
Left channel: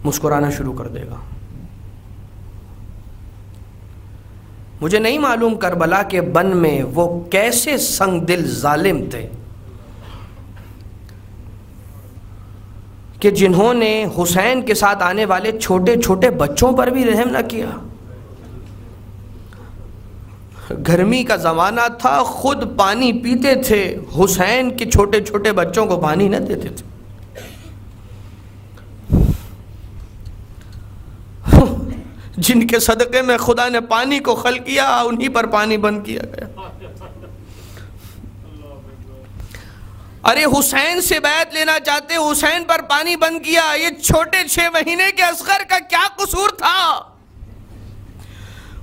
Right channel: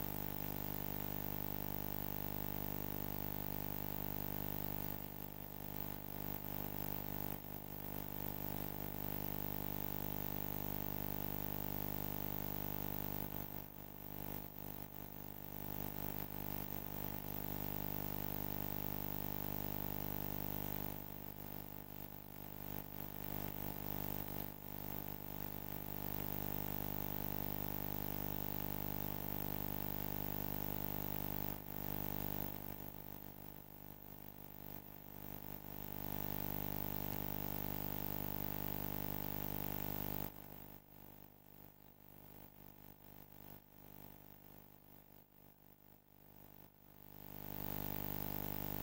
مسکرانا شروع کر دے گا۔ مجھے نہیں معلوم کربلا کے بن میں وہ کیسے سنگ دل ظالم تھے کہ جنہوں نے حسین کے ساتھ آنے والے چھوٹے چھوٹے بچوں پر بھی رحم نہ کیا۔ گرمی کا زمانہ تھا، خود پانی پیتے تھے، حسین کے چھوٹے چھوٹے بچوں کو پانی نہ دیتے تھے۔ جن کے صدقے میں خدا نے پانی کو خلق کیا، انہی پر پانی بند کیا گیا۔ ارے حسین سے بیعت لینا چاہتے، حسین پر پانی بند کیا، یہ چھوٹے 6 مہینے کے اصغر کا کیا قصور تھا؟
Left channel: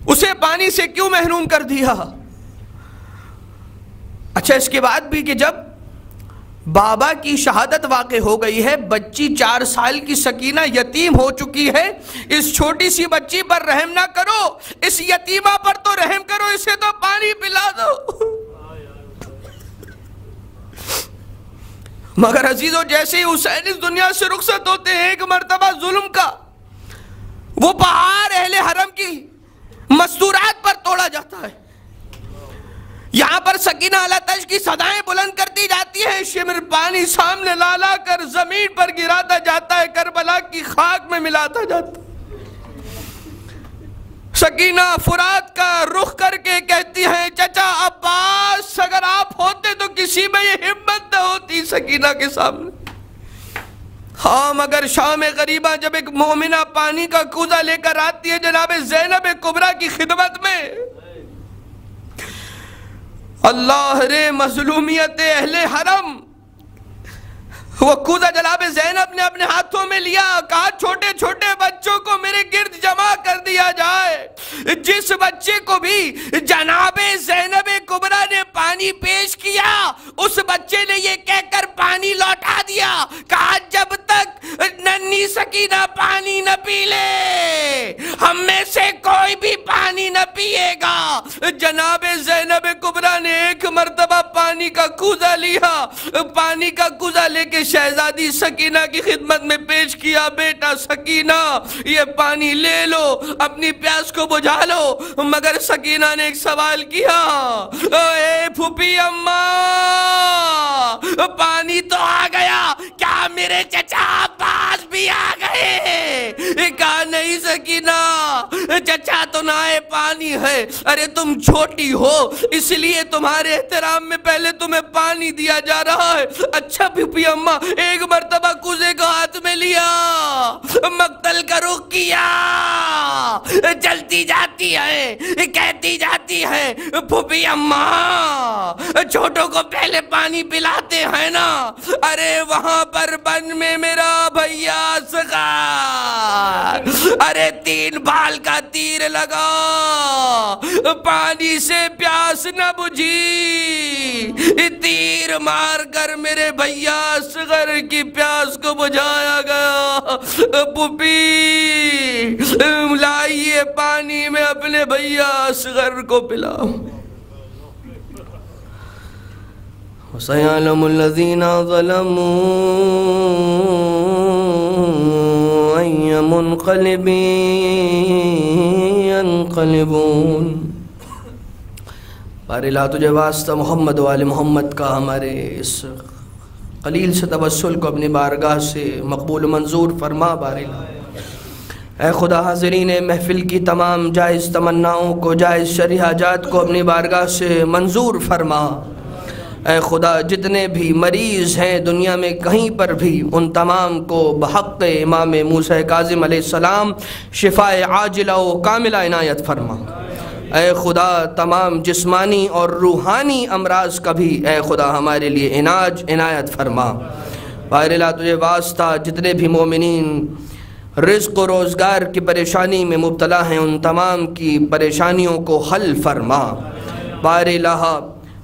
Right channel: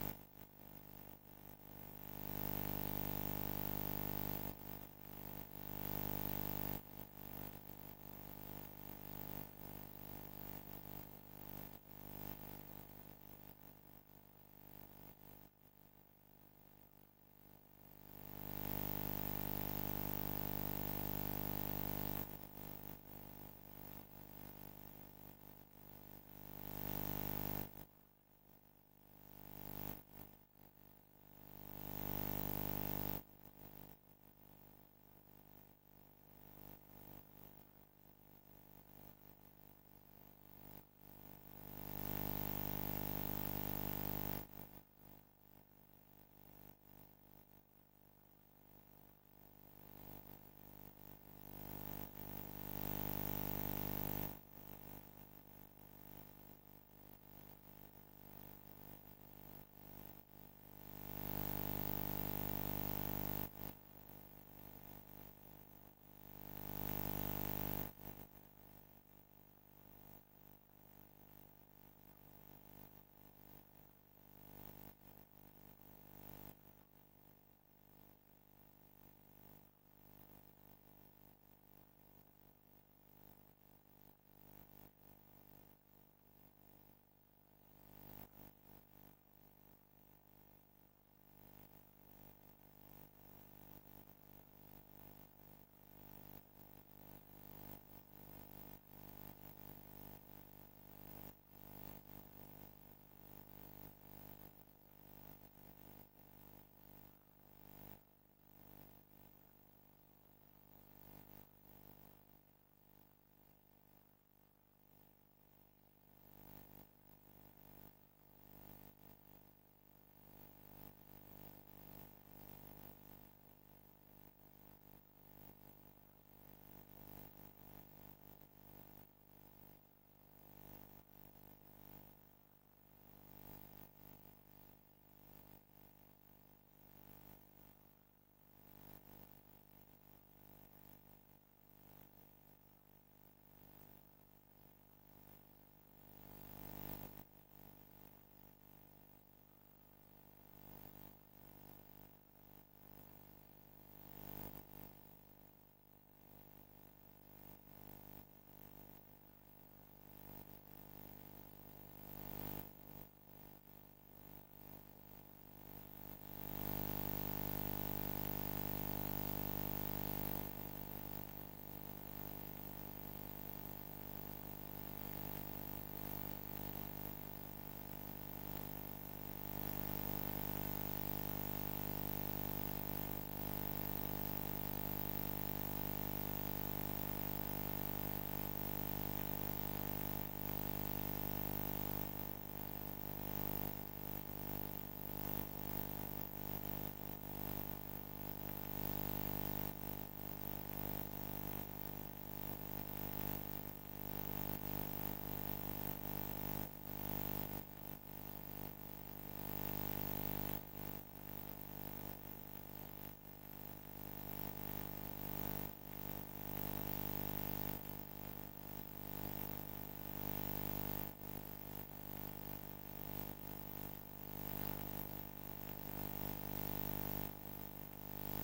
اسے پانی سے کیوں محروم کر دیا؟ اچھا، اس کے بعد بھی کہ جب بابا کی شہادت واقع ہو گئی ہے، بچی 4 سال کی سکینہ یتیم ہو چکی ہے، اس چھوٹی سی بچی پر رحم نہ کرو، اس یتیمہ پر تو رحم کرو، اسے تو پانی پلا دو۔ مگر عزیزو، جیسے ہی حسین اس دنیا سے رخصت ہوتے ہیں، ایک مرتبہ ظلم کا وہ پہاڑ اہل حرم کی مستورات پر توڑا جاتا ہے۔ یہاں پر سکینہ علاتش کی صدائیں بلند کرتی جاتی ہیں، شمر پانی سامنے لا لا کر زمین پر گراتا جاتا ہے، کربلا کی خاک میں ملاتا جاتا ہے۔ سکینہ فرات کا رخ کر کے کہتی ہیں، چچا عباس، اگر آپ ہوتے تو کسی میں یہ ہمت نہ ہوتی سکینہ کے سامنے۔ ہاں، مگر شام غریبہ جب ایک مومنہ پانی کا کوزہ لے کر آتی ہے جناب زینب کبریٰ کی خدمت میں، اللہ رے مظلومیت اہل حرم، وہ کوزہ جناب زینب نے اپنے ہاتھوں میں لیا، کہا چھوٹے چھوٹے بچوں کو میرے گرد جمع کر دیا جائے۔ جس بچے کو بھی جناب زینب کبریٰ نے پانی پیش کیا، اس بچے نے یہ کہہ کر پانی لوٹا دیا، کہا جب تک ننھی سکینہ پانی نہ پی لے، ہم میں سے کوئی بھی پانی نہ پیے گا۔ جناب زینب کبریٰ نے ایک مرتبہ پانی کا کوزہ لیا، پانی کا کوزہ لے کے شہزادی سکینہ کی خدمت میں پیش کیا، بیٹا سکینہ یہ پانی لے لو، اپنی پیاس کو بجھا لو۔ مگر سکینہ نے ایک سوال کیا، اے پھوپھی اماں، پانی تو آ گیا، کیا میرے چچا عباس بھی آ گئے؟ کہا نہیں سکینہ، چچا تو نائے پانی ہے، ارے تم چھوٹی ہو اس لیے تمہارے احترام میں پہلے تمہیں پانی دیا جا رہا ہے۔ اچھا پھپھی اماں ایک مرتبہ کوزے کو ہاتھ میں لیا، مقتل کا رخ کیا، چلتی جاتی ہے، کہتی جاتی ہے پھپھی اماں چھوٹوں کو پہلے پانی پلاتے ہیں نا، ارے وہاں پر بن میں میرا بھیا اصغر، ارے 3 بال کا تیر لگا، پانی سے پیاس نہ بجھی، تیر مار کر میرے بھیا اصغر کی پیاس کو بجھایا گیا۔ پھوپھی لائیے پانی میں اپنے بھیا اصغر کو پلاؤ۔ وَسَيَعْلَمُ الَّذِينَ ظَلَمُوا أَيَّ مُنْقَلِبٍ يَنْقَلِبُونَ۔ بارے لا تجھے واسطہ محمد و آل محمد کا ہمارے اس قلیل سے توسل کو اپنی بارگاہ سے مقبول و منظور فرما۔ بارے لا اے خدا حاضرین محفل کی تمام جائز تمناؤں کو، جائز شرعی حاجات کو اپنی بارگاہ سے منظور فرما۔ اے خدا جتنے بھی مریض ہیں دنیا میں کہیں پر بھی، ان تمام کو بحق امام موسیٰ کاظم علیہ السلام شفائے عاجلہ و کاملہ عنایت فرما۔ اے خدا تمام جسمانی اور روحانی امراض کا بھی اے خدا ہمارے لیے علاج عنایت فرما۔ بارے لا تجھے واسطہ جتنے بھی مومنین رزق و روزگار کی پریشانی میں مبتلا ہیں، ان تمام کی پریشانیوں کو حل فرما۔ بارے لا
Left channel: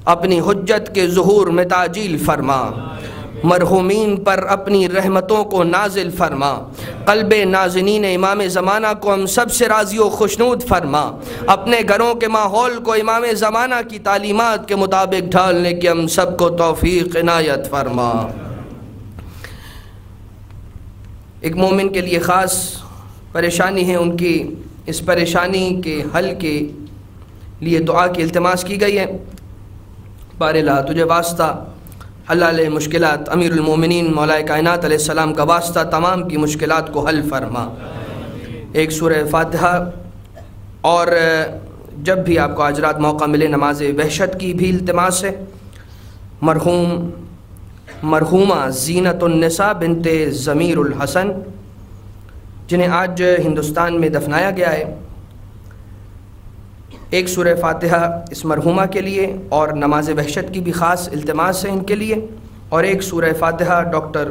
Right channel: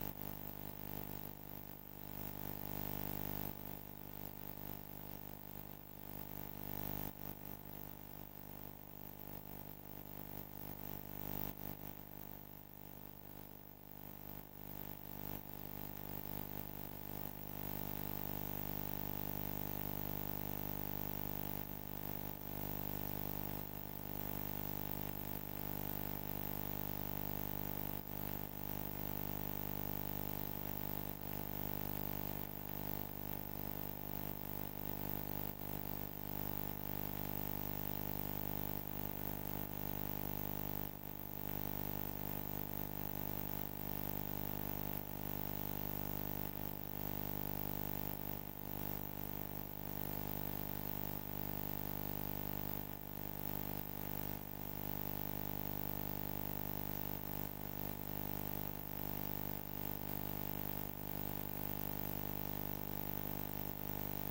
اپنی حجت کے ظہور میں تعجیل فرما، مرحومین پر اپنی رحمتوں کو نازل فرما، قلب نازنین امام زمانہ کو ہم سب سے راضی و خوشنود فرما، اپنے گھروں کے ماحول کو امام زمانہ کی تعلیمات کے مطابق ڈھالنے کی ہم سب کو توفیق عنایت فرما۔ ایک مومن کے لیے خاص پریشانی ہے، ان کی اس پریشانی کے حل کے لیے دعا کی التماس کی گئی ہے۔ بارے لا تجھے واسطہ حلال مشکلات امیر المومنین مولا کائنات علیہ السلام کا واسطہ تمام کی مشکلات کو حل فرما۔ ایک سورہ فاتحہ، اور جب بھی آپ کو آج رات موقع ملے نماز وحشت کی بھی التماس ہے۔ مرحومہ زینت النساء بنت ضمیر الحسن جنہیں آج ہندوستان میں دفنایا گیا ہے، ایک سورہ فاتحہ اس مرحومہ کے لیے اور نماز وحشت کی بھی خاص التماس ہے ان کے لیے، اور ایک سورہ فاتحہ ڈاکٹر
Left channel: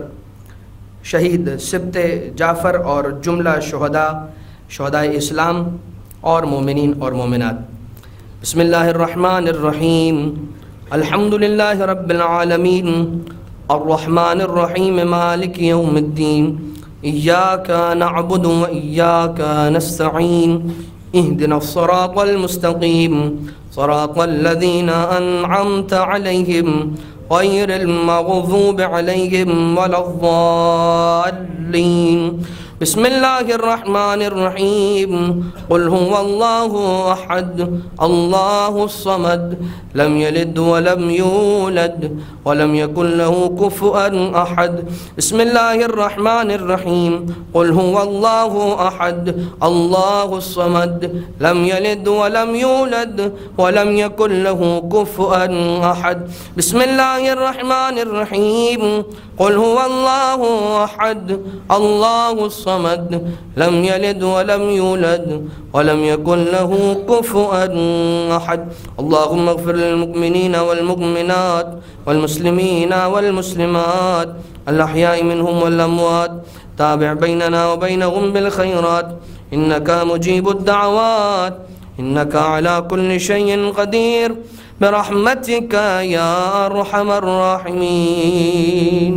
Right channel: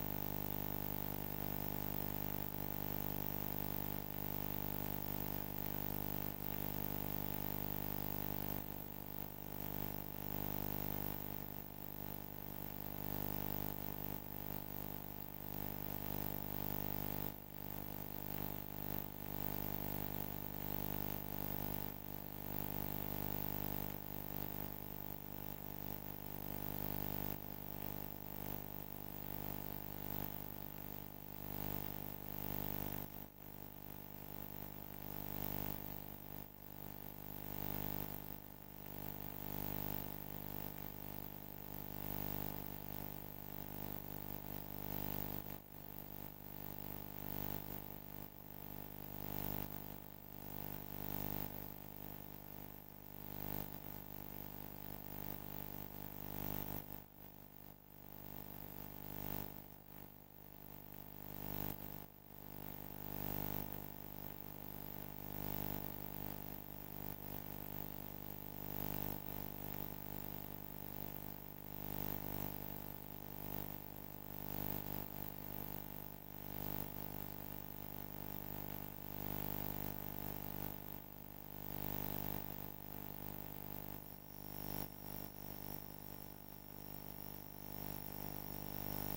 شہید سبط جعفر اور جملہ شہداء اسلام اور مومنین اور مومنات۔ بسم اللہ الرحمن الرحیم، الحمدللہ رب العالمین، الرحمن الرحیم، مالک یوم الدین، ایاک نعبد و ایاک نستعین، اهدنا الصراط المستقيم صراط الذين أنعمت عليهم غير المغضوب عليهم ولا الضالين۔ بسم الله الرحمن الرحيم، قل هو الله أحد الله الصمد لم يلد ولم يولد ولم يكن له كفوا أحد۔ بسم الله الرحمن الرحيم، قل هو الله أحد الله الصمد لم يلد ولم يولد ولم يكن له كفوا أحد۔ بسم الله الرحمن الرحيم، قل هو الله أحد الله الصمد لم يلد ولم يولد ولم يكن له كفوا أحد۔ اللهم اغفر للمؤمنين والمؤمنات والمسلمين والمسلمات الأحياء منهم والأموات، تابع بيننا وبينهم بالخيرات إنك مجيب الدعوات، إنك على كل شيء قدير، برحمتك يا أرحم الراحمين۔